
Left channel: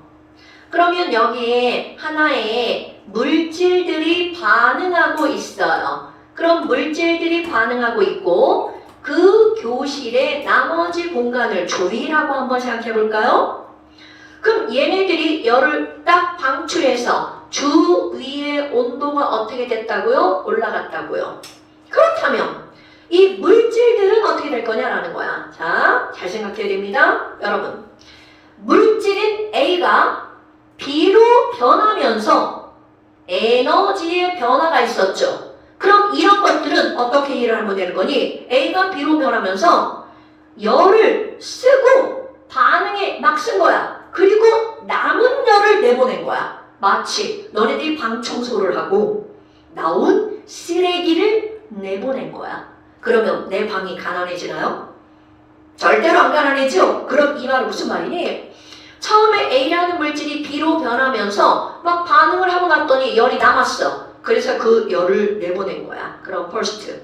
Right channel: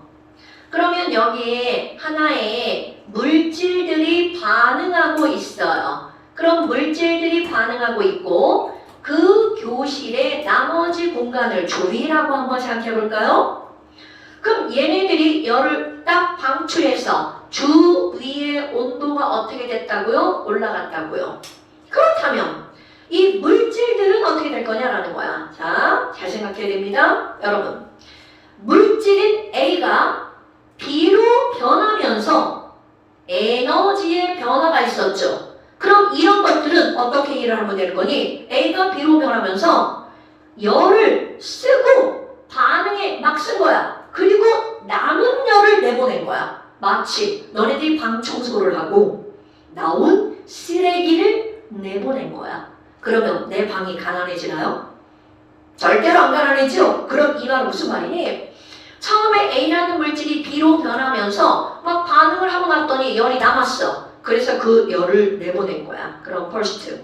그러면 여기에 하나의 물질들이 반응하고 있어요. 그럼 물질들이 반응하고 있고 그 교실의 나머지 공간을 조이라고 한번 생각해 볼까요? 그럼 얘네들이 열을 딱 방출해서 주위의 온도가 어떻게 됐다고요? 올라갔다고요. 그렇다면 이 물질들은 어떻게 될 거냐라는 거야. 자, 잘 생각해야 됩니다. 여러분, 물질인 A가 B로 변하면서 에너지의 변화가 있었죠. 그럼 이런 것들은 어떻게 일을 하면 되는 거니? A가 B로 변하면서 열을 쓰고 반응에 막 쓴 거야. 그리고 남은 열을 내보낸 거야. 마치 너네들이 방 청소를 하고 나온 쓰레기를 내보낸 거야. 그러면 내 방이 가난해지나요? 절대로 안 가난해지죠? 그럼 이 말은 무슨 말이니? 처음에 A라는 물질이 B로 변하면서 막 반응을 하고 났더니 열이 남았어. 그래서 그 열을 내보낸 거야. 그럼 burst.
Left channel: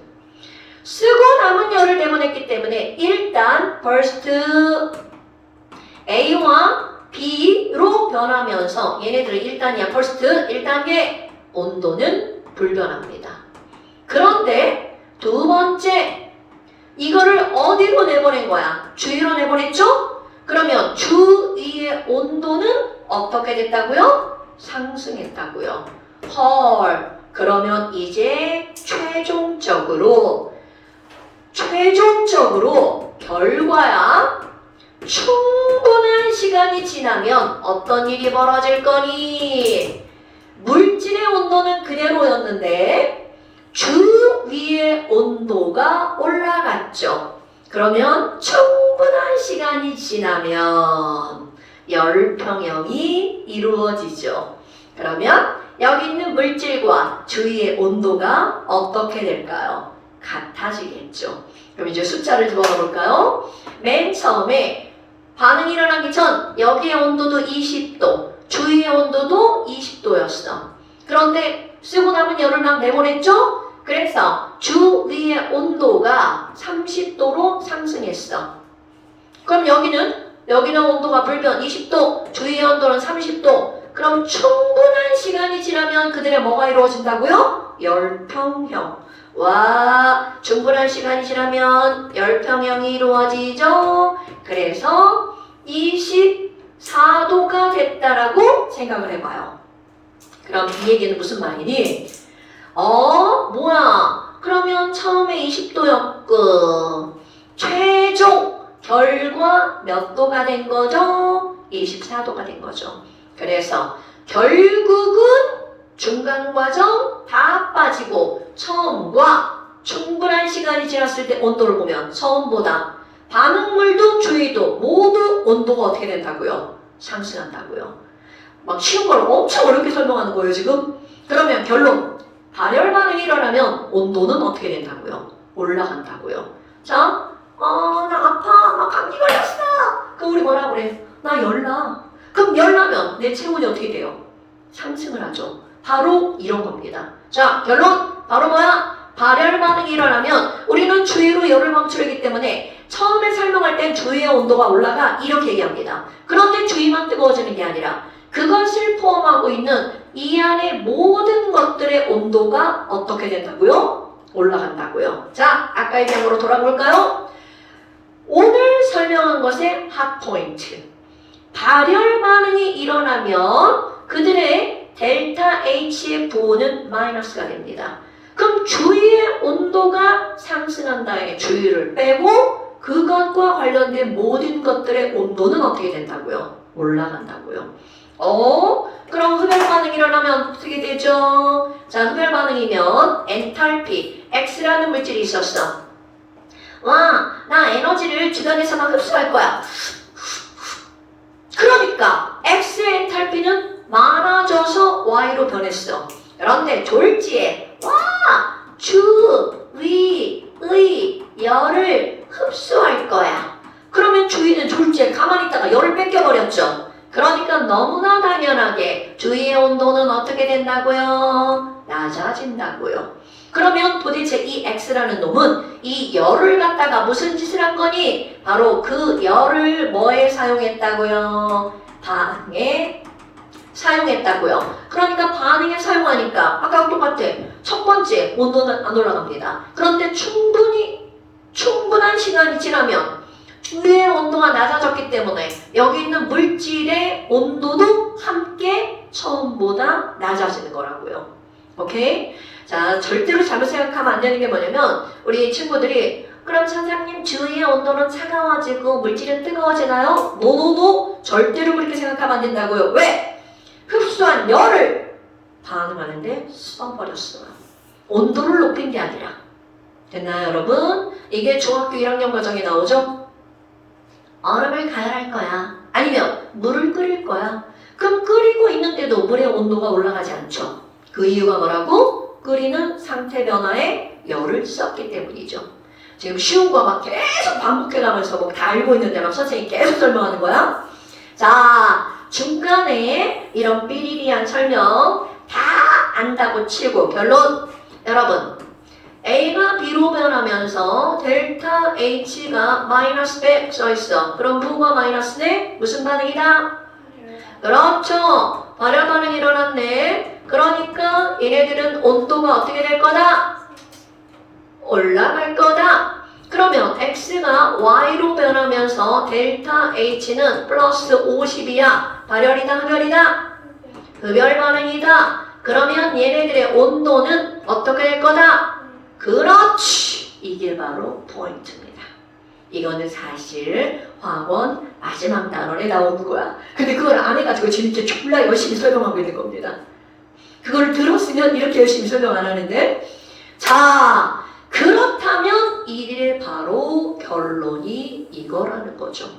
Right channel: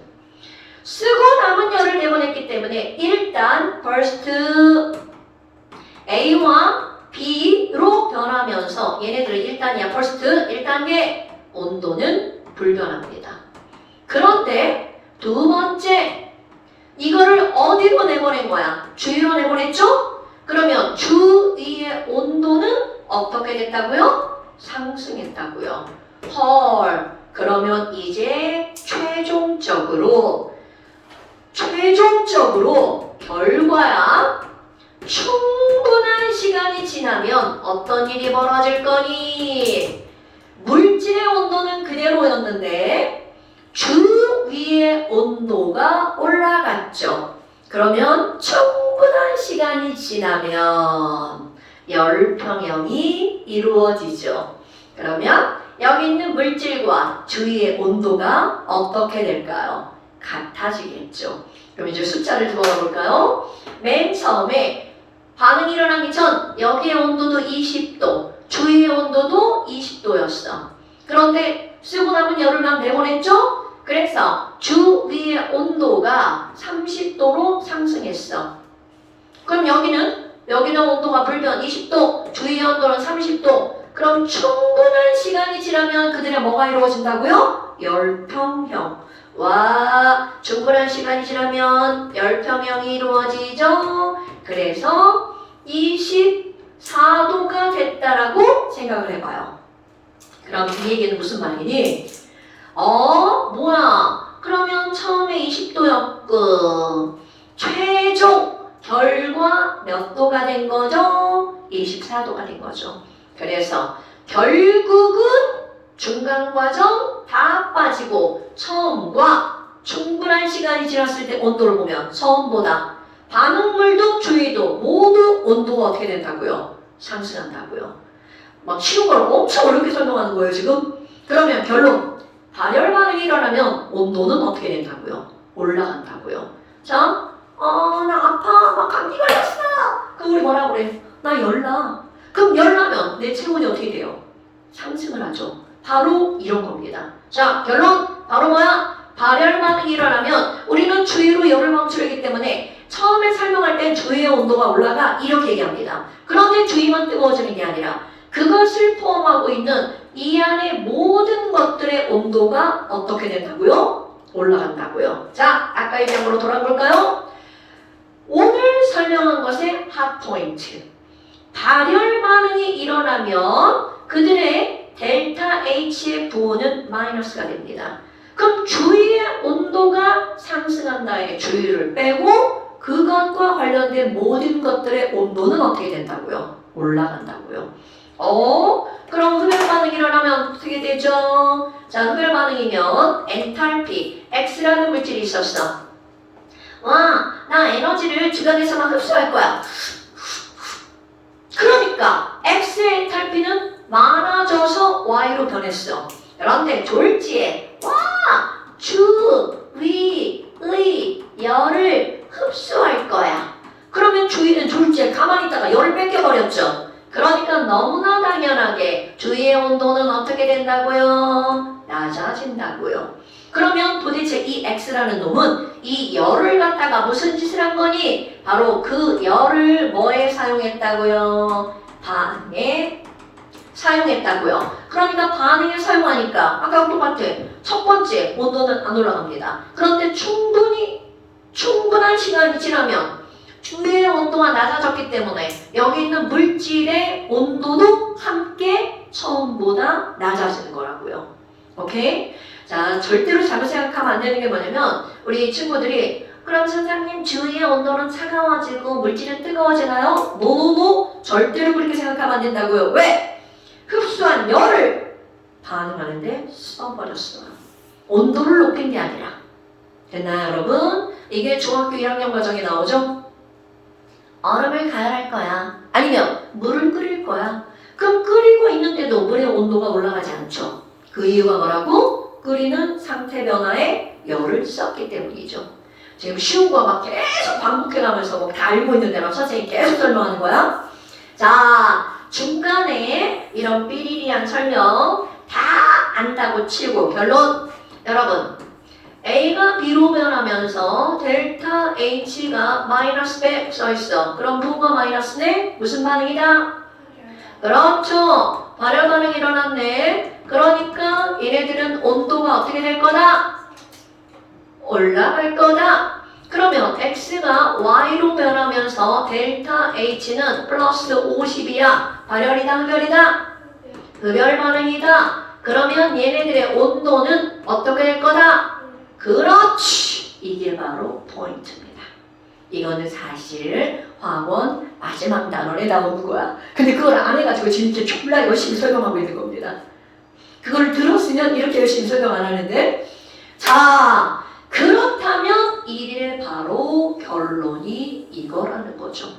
쓰고 남은 열을 내보냈기 때문에 일단 burst A와 B로 변하면서 얘네들은 1단이야. burst 1단계 온도는 불변합니다. 그런데 두 번째 이거를 어디로 내보낸 거야? 주위로 내보냈죠? 그러면 주위의 온도는 어떻게 됐다고요? 상승했다고요. 헐, 그러면 이제 최종적으로 결과야. 충분한 시간이 지나면 어떤 일이 벌어질 거니? 물질의 온도는 그대로였는데 주위의 온도가 올라갔죠. 그러면 충분한 시간이 지나면 열평형이 이루어지죠. 그러면 여기 있는 물질과 주위의 온도가 어떻게 될까요? 같아지겠죠. 그럼 이제 숫자를 두어 볼까요? 맨 처음에 반응이 일어나기 전 여기의 온도도 20도, 주위의 온도도 20도였어. 그런데 쓰고 남은 열을 막 내보냈죠? 그래서 주위의 온도가 30도로 상승했어. 그럼 여기는 온도가 불변 20도, 주위의 온도는 30도. 그럼 충분한 시간이 지나면 그들의 뭐가 이루어진다고요? 열평형. 와, 충분한 시간이 지나면 열평형이 이루어지죠. 그래서 24도가 됐다라고 생각을 해봐요. 그럼 이 얘기는 무슨 말이니? 뭐야? 그러면 처음에 20도였고 최종 결과 몇 도가 된 거죠? 24도가 된 거죠. 그래서 결국은 중간 과정 다 빠지고 처음과 충분한 시간이 지났을 때 온도를 보면 처음보다 반응물도 주위도 모두 온도가 어떻게 된다고요? 상승한다고요. 막 쉬운 걸 엄청 어렵게 설명하는 거예요 지금. 그러면 결론. 발열 반응이 일어나면 온도는 어떻게 된다고요? 올라간다고요. 자, 나 아파. 막 감기 걸렸어. 그럼 우리 뭐라 그래? 나 열나. 그럼 열나면 내 체온이 어떻게 돼요? 상승을 하죠. 바로 이런 겁니다. 자, 결론. 바로 뭐야? 발열 반응이 일어나면 우리는 주위로 열을 방출하기 때문에 처음에 설명할 땐 주위의 온도가 올라가 이렇게 얘기합니다. 그런데 주위만 뜨거워지는 게 아니라 그것을 포함하고 있는 이 안에 모든 것들의 온도가 어떻게 된다고요? 올라간다고요. 자, 아까의 내용으로 돌아볼까요? 오늘 설명한 것의 핫포인트. 발열 반응이 일어나면 그들의 델타 H의 부호는 마이너스가 됩니다. 그럼 주위의 온도가 상승한다의 주위를 빼고 그것과 관련된 모든 것들의 온도는 어떻게 된다고요? 올라간다고요. 그럼 흡열 반응이 일어나면 어떻게 되죠? 자, 흡열 반응이면 엔탈피, X라는 물질이 있었어. 와, 나 에너지를 주변에서만 흡수할 거야. 그러니까 X의 엔탈피는 많아져서 Y로 변했어. 그런데 졸지에 주위의 열을 흡수할 거야. 그러면 주위는 졸지에 가만히 있다가 열을 뺏겨버렸죠. 그러니까 너무나 당연하게 주위의 온도는 어떻게 된다고요? 낮아진다고요. 그러면 도대체 이 X라는 놈은 이 열을 갖다가 무슨 짓을 한 거니? 바로 그 열을 뭐에 사용했다고요? 반응에 사용했다고요. 그러니까 반응에 사용하니까 아까랑 똑같아. 첫 번째 온도는 안 올라갑니다. 그런데 충분한 시간이 지나면 주위의 온도가 낮아졌기 때문에 여기 있는 물질의 온도도 함께 처음보다 낮아지는 거라고요. 오케이? 자, 절대로 잘못 생각하면 안 되는 게 뭐냐면 우리 친구들이 그럼 선생님 주위의 온도는 차가워지고 물질은 뜨거워지나요? 뭐뭐 절대로 그렇게 생각하면 안 된다고요. 왜? 흡수한 열을 반응하는데 써버렸어요. 온도를 높인 게 아니라. 됐나요 여러분? 이게 중학교 1학년 과정에 나오죠? 얼음을 가열할 거야. 아니면 물을 끓일 거야. 그럼 끓이고 있는데도 물의 온도가 올라가지 않죠. 그 이유가 뭐라고? 끓이는 상태 변화에 열을 썼기 때문이죠. 지금 쉬운 거 막 계속 반복해가면서 뭐 다 알고 있는데 막 선생님이 계속 설명하는 거야. 자, 중간에 이런 삐리리한 설명 다 안다고 치고 결론. 여러분, A가 B로 변하면서 델타 H가 마이너스 100 써있어. 그럼 부가 마이너스네? 무슨 반응이다? 그렇죠. 발열 반응이 일어났네. 그러니까 얘네들은 온도가 어떻게 될 거다? 올라갈 거다. 그러면 X가 Y로 변하면서 델타 H는 플러스 50이야. 발열이다, 흡열이다? 흡열 반응이다. 그러면 얘네들의 온도는 어떻게 될 거다? 그렇지. 이게 바로 포인트입니다. 이거는 사실 학원 마지막 단원에 나오는 거야. 근데 그걸 안 해가지고 지금 이렇게 졸라 열심히 설명하고 있는 겁니다. 그걸 들었으면 이렇게 열심히 설명 안 하는데. 자, 그렇다면 이게 바로 결론이 이거라는 거죠.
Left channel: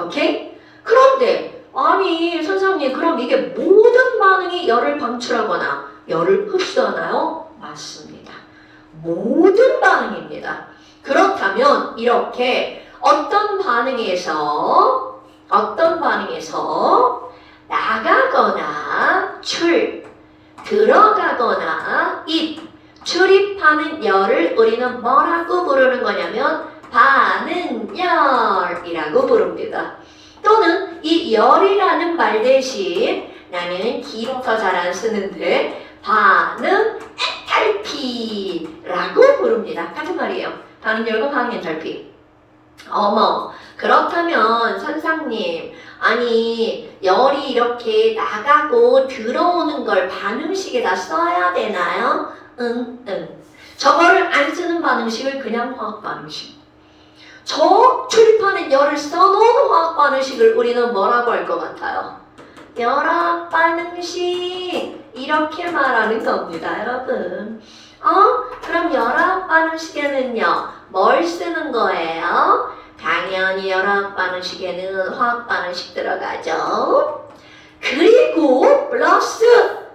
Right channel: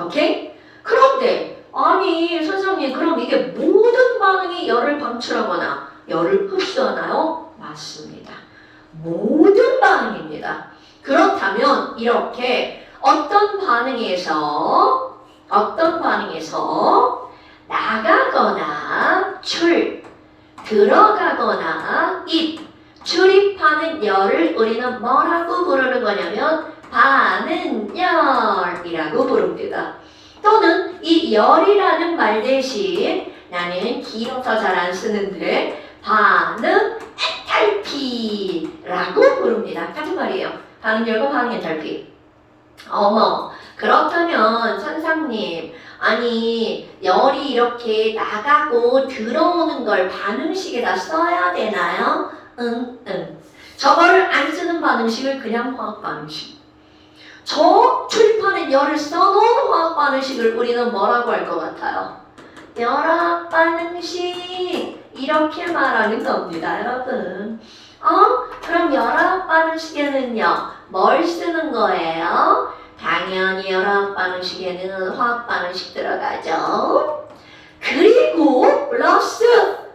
오케이? 그런데 아니 선생님 그럼 이게 모든 반응이 열을 방출하거나 열을 흡수하나요? 맞습니다. 모든 반응입니다. 그렇다면 이렇게 어떤 반응에서 나가거나 들어가거나 출입하는 열을 우리는 뭐라고 부르는 거냐면 반응열이라고 부릅니다. 또는 이 열이라는 말 대신 나는 길어서 잘 안 쓰는데 반응 엔탈피라고 부릅니다. 같은 말이에요. 반응열과 반응 엔탈피. 어머, 그렇다면 선생님, 아니 열이 이렇게 나가고 들어오는 걸 반응식에다 써야 되나요? 응. 저거를 안 쓰는 반응식을 그냥 화학 반응식. 저 출입하는 열을 써놓은 화학 반응식을 우리는 뭐라고 할 것 같아요? 열학 반응식 이렇게 말하는 겁니다, 여러분. 그럼 열학 반응식에는요, 뭘 쓰는 거예요? 당연히 열학 반응식에는 화학 반응식 들어가죠. 그리고 플러스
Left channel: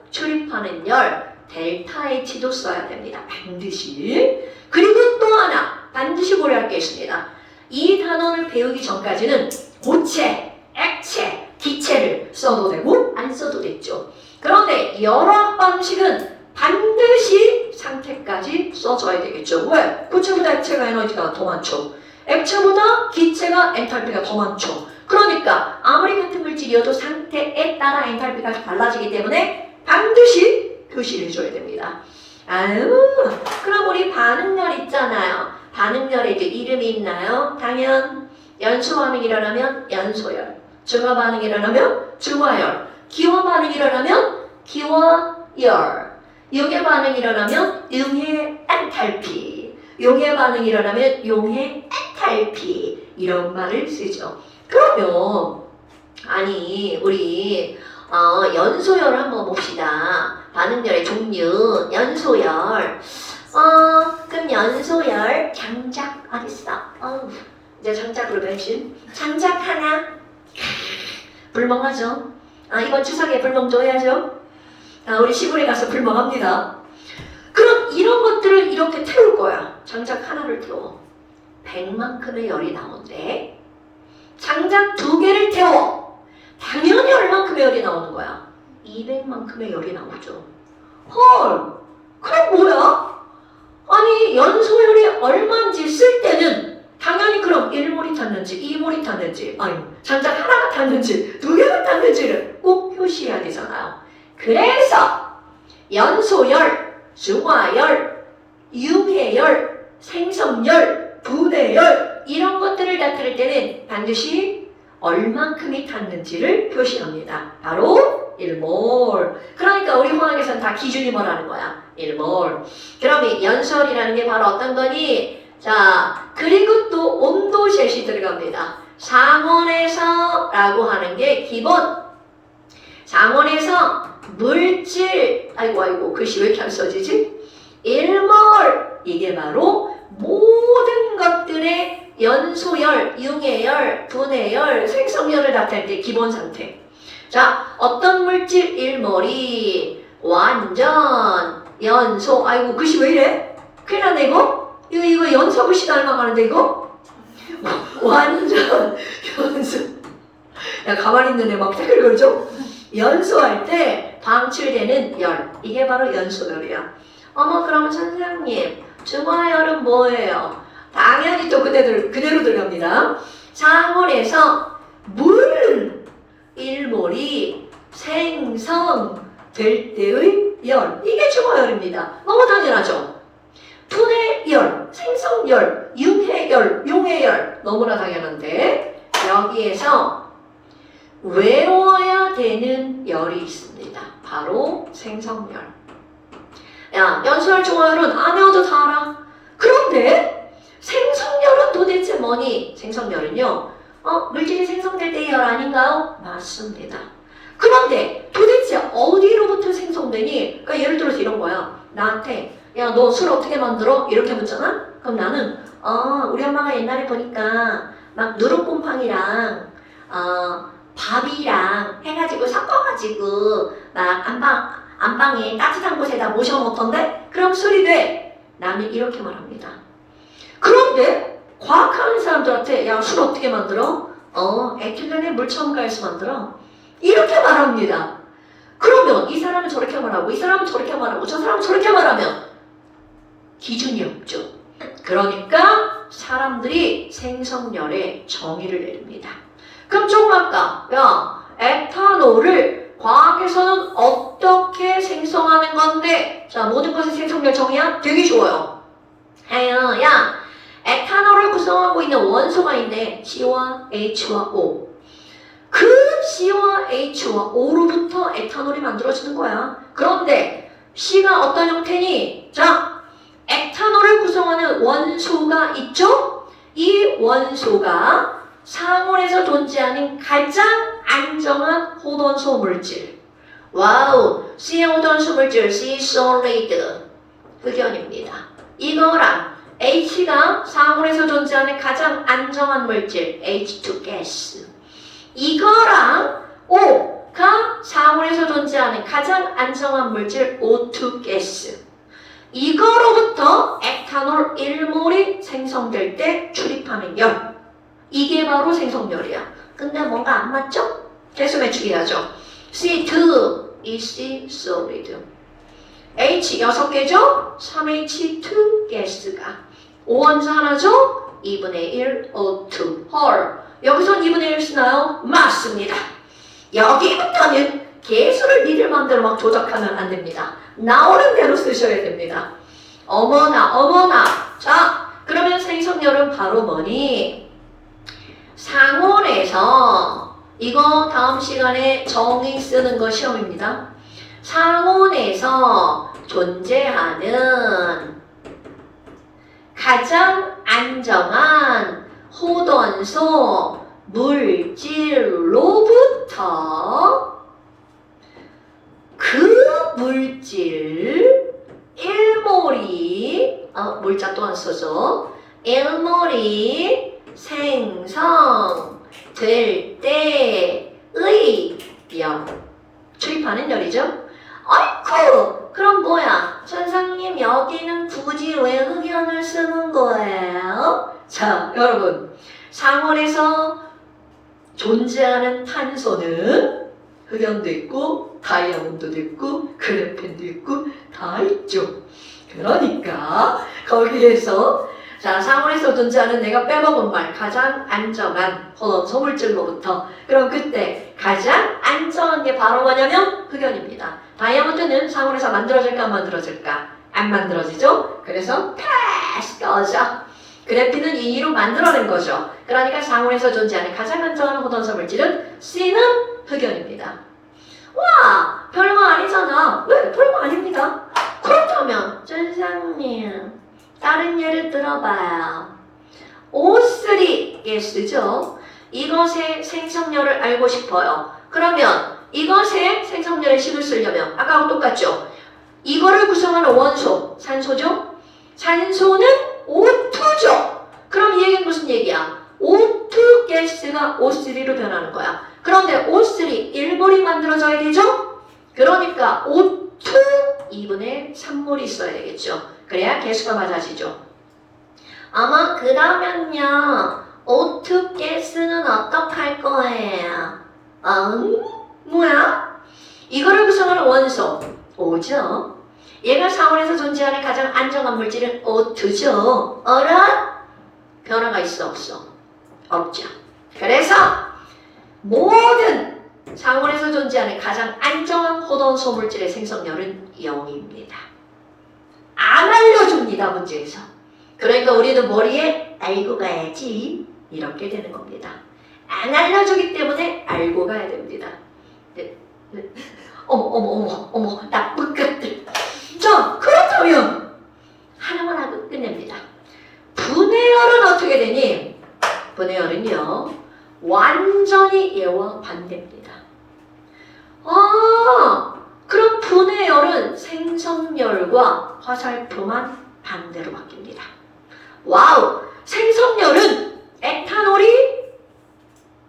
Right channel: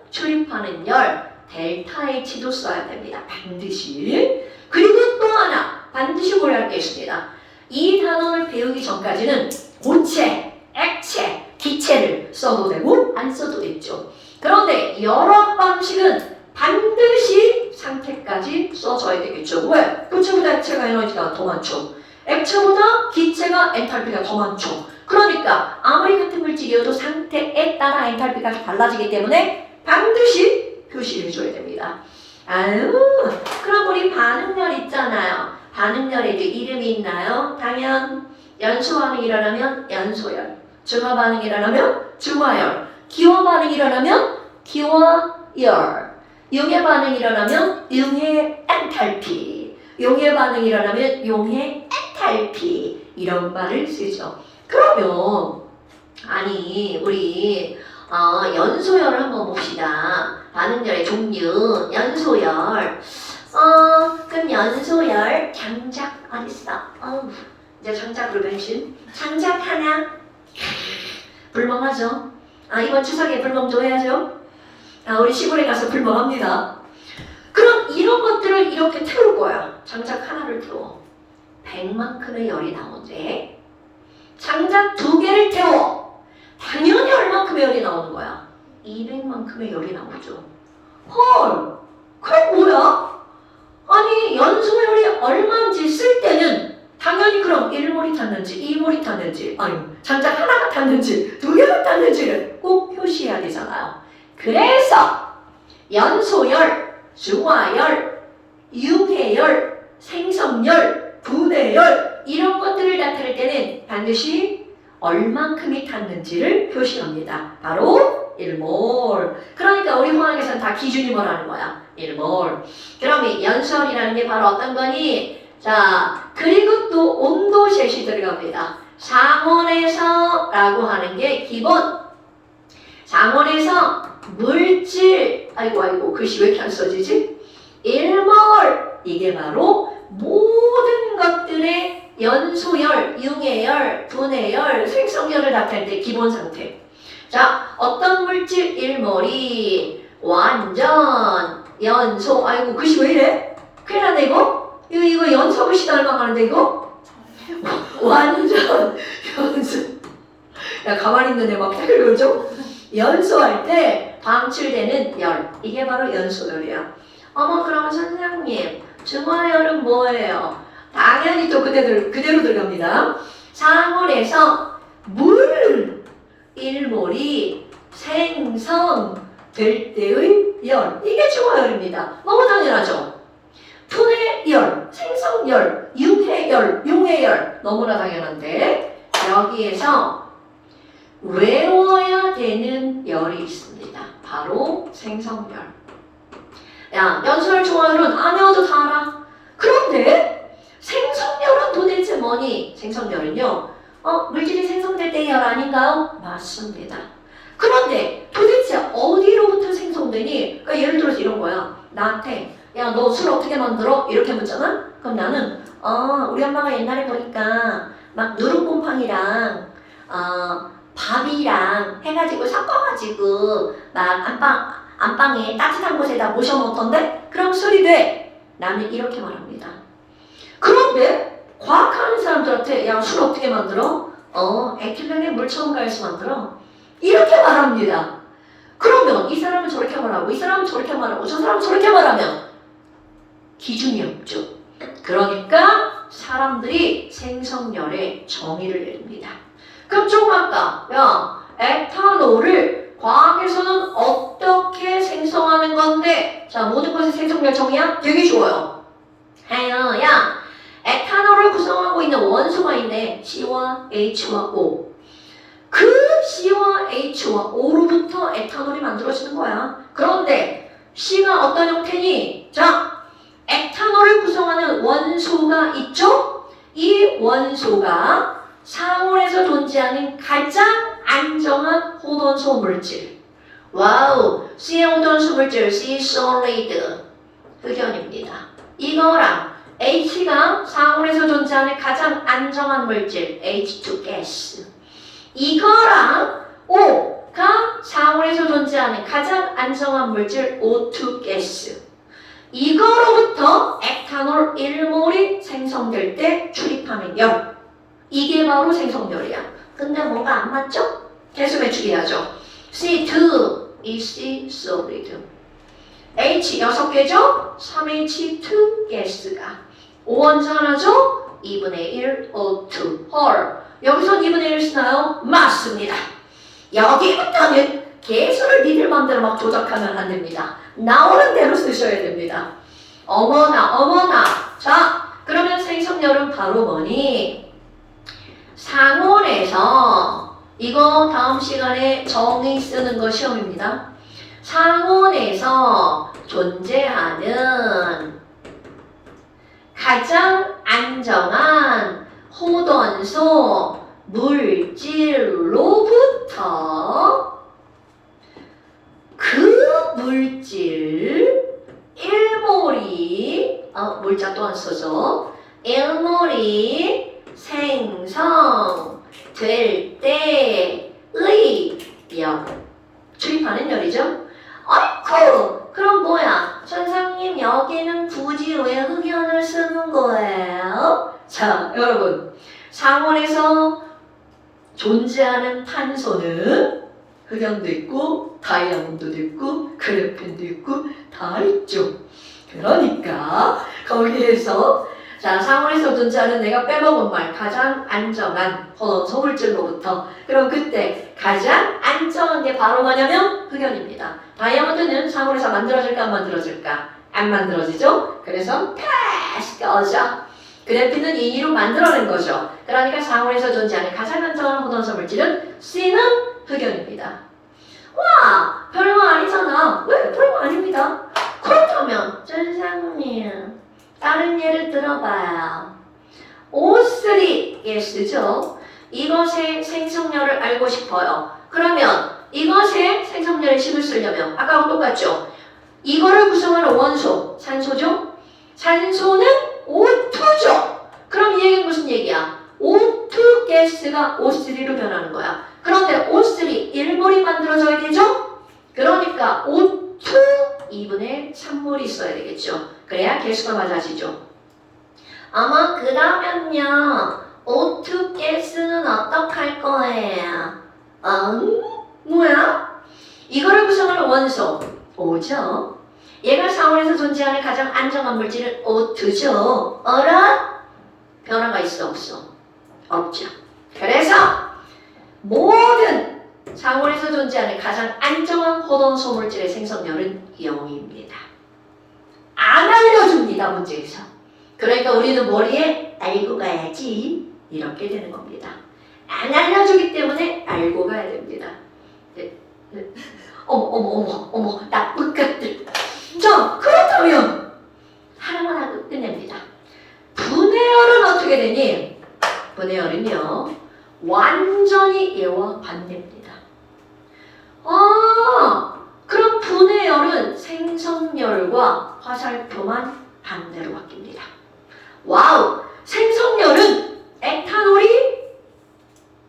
출입하는 열 델타 H도 써야 됩니다. 반드시. 그리고 또 하나 반드시 고려할 게 있습니다. 이 단어를 배우기 전까지는 고체, 액체, 기체를 써도 되고 안 써도 됐죠. 그런데 여러 방식은 반드시 상태까지 써줘야 되겠죠. 왜? 고체보다 액체가 에너지가 더 많죠. 액체보다 기체가 엔탈피가 더 많죠. 그러니까 아무리 같은 물질이어도 상태에 따라 엔탈피가 달라지기 때문에 반드시 표시를 해줘야 됩니다. 아유, 그럼 우리 반응열 있잖아요. 반응열에도 이름이 있나요? 당연. 연소 반응이 일어나면 연소열, 중화 반응이 일어나면 중화열, 기화 반응이 일어나면 기화열, 용해 반응이 일어나면 용해 엔탈피, 용해 반응이 일어나면 용해 엔탈피 이런 말을 쓰죠. 그러면 아니 우리 연소열 한번 봅시다. 반응열의 종류 연소열. 그럼 연소열 장작 어딨어? 이제 장작으로 변신. 장작 하나. 불멍하죠. 이번 추석에 불멍도 해야죠. 우리 시골에 가서 불멍합니다. 그럼 이런 것들을 이렇게 태울 거야. 장작 하나를 태워. 100만큼의 열이 나오는데 장작 2개를 태워. 당연히 얼만큼의 열이 나오는 거야? 200만큼의 열이 나오죠. 헐, 그럼 뭐야? 아니 연소열이 얼마인지 쓸 때는 당연히 그럼 1몰이 탔는지 2몰이 탔는지 아니 장작 하나가 탔는지 2개가 탔는지를 꼭 표시해야 되잖아요. 그래서 연소열, 중화열, 유해열, 생성열, 분해열 이런 것들을 나타낼 때는 반드시 얼만큼이 탔는지를 표시합니다. 바로 1몰. 그러니까 우리 화학에서는 다 기준이 뭐라는 거야? 1몰. 그러면 연소열이라는 게 바로 어떤 거니? 자, 그리고 또 온도셋이 들어갑니다. 상온에서 라고 하는 게 기본. 상온에서 물질, 아이고 글씨 왜 이렇게 안 써지지? 1몰. 이게 바로 모든 것들의 연소열, 융해열, 분해열, 생성열을 나타낼 때 기본 상태. 자, 어떤 물질 1몰이 완전 연소, 아이고 글씨 왜 이래? 큰일 났네 이거 연소 글씨 닮아가는데 이거? 완전 연소. 야 가만히 있는데 막 태클 걸죠? 연소할 때 방출되는 열, 이게 바로 연소열이야. 그러면 선생님 중화열은 뭐예요? 당연히 또 그대로 들어갑니다. 상온에서 물 1몰이 생성될 때의 열, 이게 중화열입니다. 너무 당연하죠? 분해열, 생성열, 융해열, 용해열 너무나 당연한데 여기에서 외워야 되는 열이 있습니다. 바로 생성열. 야, 연소열, 중화열은 안 외워도 다 알아. 그런데 생성열은 도대체 뭐니? 생성열은요, 물질이 생성될 때의 열 아닌가요? 맞습니다. 그런데 도대체 어디로부터 생성되니? 그러니까 예를 들어서 이런 거야. 나한테 야, 너 술 어떻게 만들어? 이렇게 묻잖아? 그럼 나는 우리 엄마가 옛날에 보니까 막 누룩곰팡이랑 밥이랑 해가지고 섞어가지고 막 안방에 따뜻한 곳에다 모셔놓던데? 그럼 술이 돼. 나는 이렇게 말합니다. 그런데 과학하는 사람들한테 야, 술 어떻게 만들어? 에틸렌에 물 첨가해서 만들어. 이렇게 말합니다. 그러면 이 사람은 저렇게 말하고 이 사람은 저렇게 말하고 저 사람은 저렇게 말하면 기준이 없죠. 그러니까 사람들이 생성열의 정의를 내립니다. 그럼 좀 아까 야, 에탄올을 과학에서는 어떻게 생성하는 건데? 자, 모든 것의 생성열 정의야? 되게 좋아요. 야, 에탄올을 구성하고 있는 원소가 있네. C와 H와 O. 그 C와 H와 O로부터 에탄올이 만들어지는 거야. 그런데 C가 어떤 형태니? 자, 에탄올을 구성하는 원소가 있죠? 이 원소가 상온에서 존재하는 가장 안정한 호돈소 물질. 와우, C의 호돈소 물질, C 솔리드 흑연입니다. 이거랑 H가 상온에서 존재하는 가장 안정한 물질, H2 가스. 이거랑 O, 상온에서 존재하는 가장 안정한 물질 O2 가스. 이거로부터 에탄올 1몰이 생성될 때 출입하는 열. 이게 바로 생성열이야. 근데 뭔가 안 맞죠? 계속 매축해야죠. C2, EC solid. H 6개죠? 3H2 가스가. O 원자 하나죠? 2분의 1 O2. 헐. 여기서 2분의 1 쓰나요? 맞습니다. 여기부터는 개수를 니들 맘대로 막 조작하면 안 됩니다. 나오는 대로 쓰셔야 됩니다. 어머나. 자, 그러면 생성열은 바로 뭐니? 상온에서, 이거 다음 시간에 정의 쓰는 거 시험입니다. 상온에서 존재하는 가장 안정한 호돈소 물질로부터 그 물질 1몰이 물자 또 안 써서 1몰이 생성될 때의 열 출입하는 열이죠. 아이쿠 그럼 뭐야 선생님 여기는 굳이 왜 흑연을 쓰는 거예요? 자 여러분 상온에서 존재하는 탄소는 흑연도 있고 다이아몬드도 있고 그래핀도 있고 다 있죠. 그러니까 거기에서 자 상온에서 존재하는 내가 빼먹은 말 가장 안정한 소물질로부터 그럼 그때 가장 안정한 게 바로 뭐냐면 흑연입니다. 다이아몬드는 상온에서 만들어질까 안 만들어질까? 안 만들어지죠? 그래서 패스 꺼져. 그래핀은 이로 만들어낸 거죠. 그러니까 상온에서 존재하는 가장 안정한 호돈소 물질은 C는 흑연입니다. 와 별거 아니잖아. 왜? 별거 아닙니다. 그렇다면 선생님 다른 예를 들어봐요. O3 가스죠. 이것의 생성열을 알고 싶어요. 그러면 이것의 생성열 식을 쓰려면 아까하고 똑같죠. 이거를 구성하는 원소 산소죠. 산소는 O2죠. 그럼 이 얘기는 무슨 얘기야? O2 가스가 O3로 변하는 거야. 그런데 O3 1몰이 만들어져야 되죠? 그러니까 O2 2분의 3몰이 있어야 되겠죠. 그래야 개수가 맞아지죠. 아마 그러면요 O2 가스는 어떡할 거예요? 뭐야? 이거를 구성하는 원소 O죠. 얘가 상온에서 존재하는 가장 안정한 물질은 O2죠. 어라? 변화가 있어 없어? 없죠. 그래서 모든 상온에서 존재하는 가장 안정한 호돈소 물질의 생성열은 0입니다. 안 알려줍니다. 문제에서. 그러니까 우리는 머리에 알고 가야지 이렇게 되는 겁니다. 안 알려주기 때문에 알고 가야 됩니다. 네. 어머 나쁜 것들. 자 그렇다면 하나만 하고 끝냅니다. 분해열은 어떻게 되니? 분해열은요 완전히 얘와 반대입니다. 그럼 분해열은 생성열과 화살표만 반대로 바뀝니다. 와우! 생성열은 에탄올이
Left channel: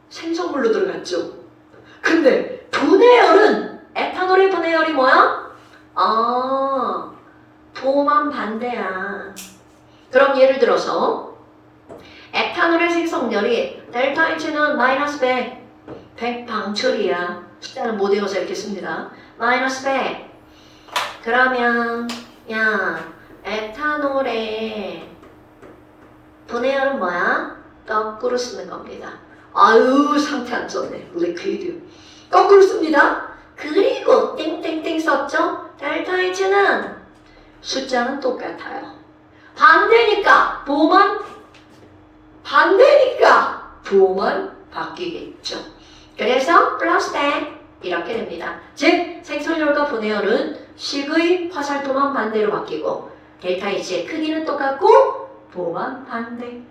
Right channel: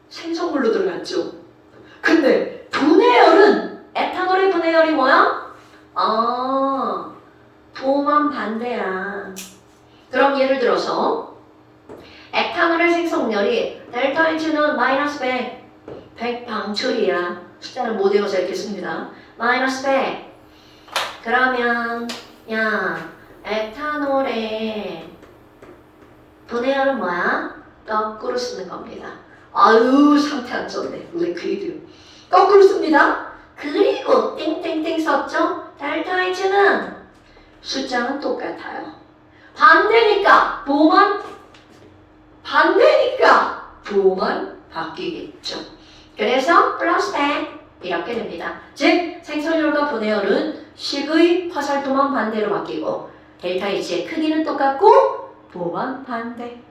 생성물로 들어갔죠. 근데 분해열은 에탄올의 분해열이 뭐야? 도만 반대야. 그럼 예를 들어서 에탄올의 생성열이 델타 H는 마이너스 100 방출이야. 숫자를 못 외워서 이렇게 씁니다. 마이너스 100. 그러면 야 에탄올의 분해열은 뭐야? 거꾸로 쓰는 겁니다. 아유 상태 안 좋네. 리퀴드. 거꾸로 씁니다. 그리고 땡땡땡 썼죠? 델타 H는 숫자는 똑같아요. 반대니까 부호만 바뀌겠죠. 그래서 플러스 100 이렇게 됩니다. 즉 생성열과 분해열은 식의 화살표만 반대로 바뀌고 델타 H의 크기는 똑같고 부호만 반대.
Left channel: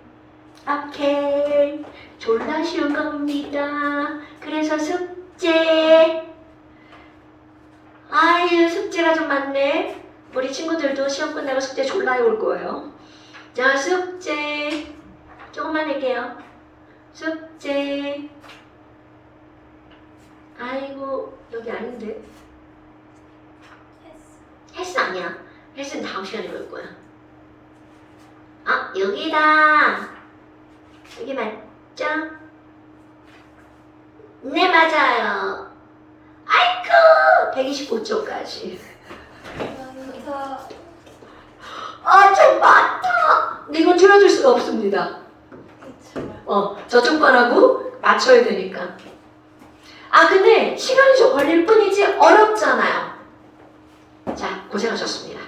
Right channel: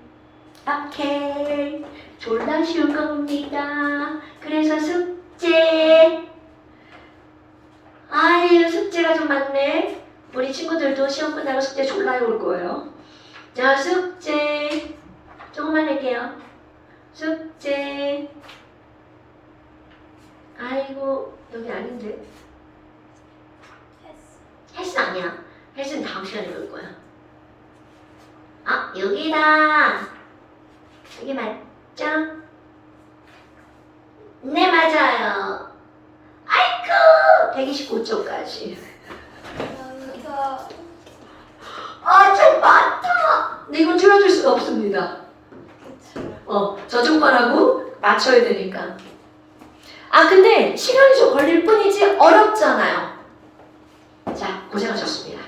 오케이. 졸라 쉬운 겁니다. 그래서 숙제. 아유 숙제가 좀 많네. 우리 친구들도 시험 끝나고 숙제 졸라 올 거예요. 자 숙제 조금만 할게요. 숙제 아이고 여기 아닌데. 헬스 아니야. 헬스는 다음 시간에 올 거야. 아 여기다. 여기 맞죠? 네 맞아요. 아이고 125초까지. 아 좀 많다. 근데 이건 줄여줄 수가 없습니다. 저쪽 거라고 맞춰야 되니까. 아 근데 시간이 좀 걸릴 뿐이지 어렵잖아요. 자 고생하셨습니다.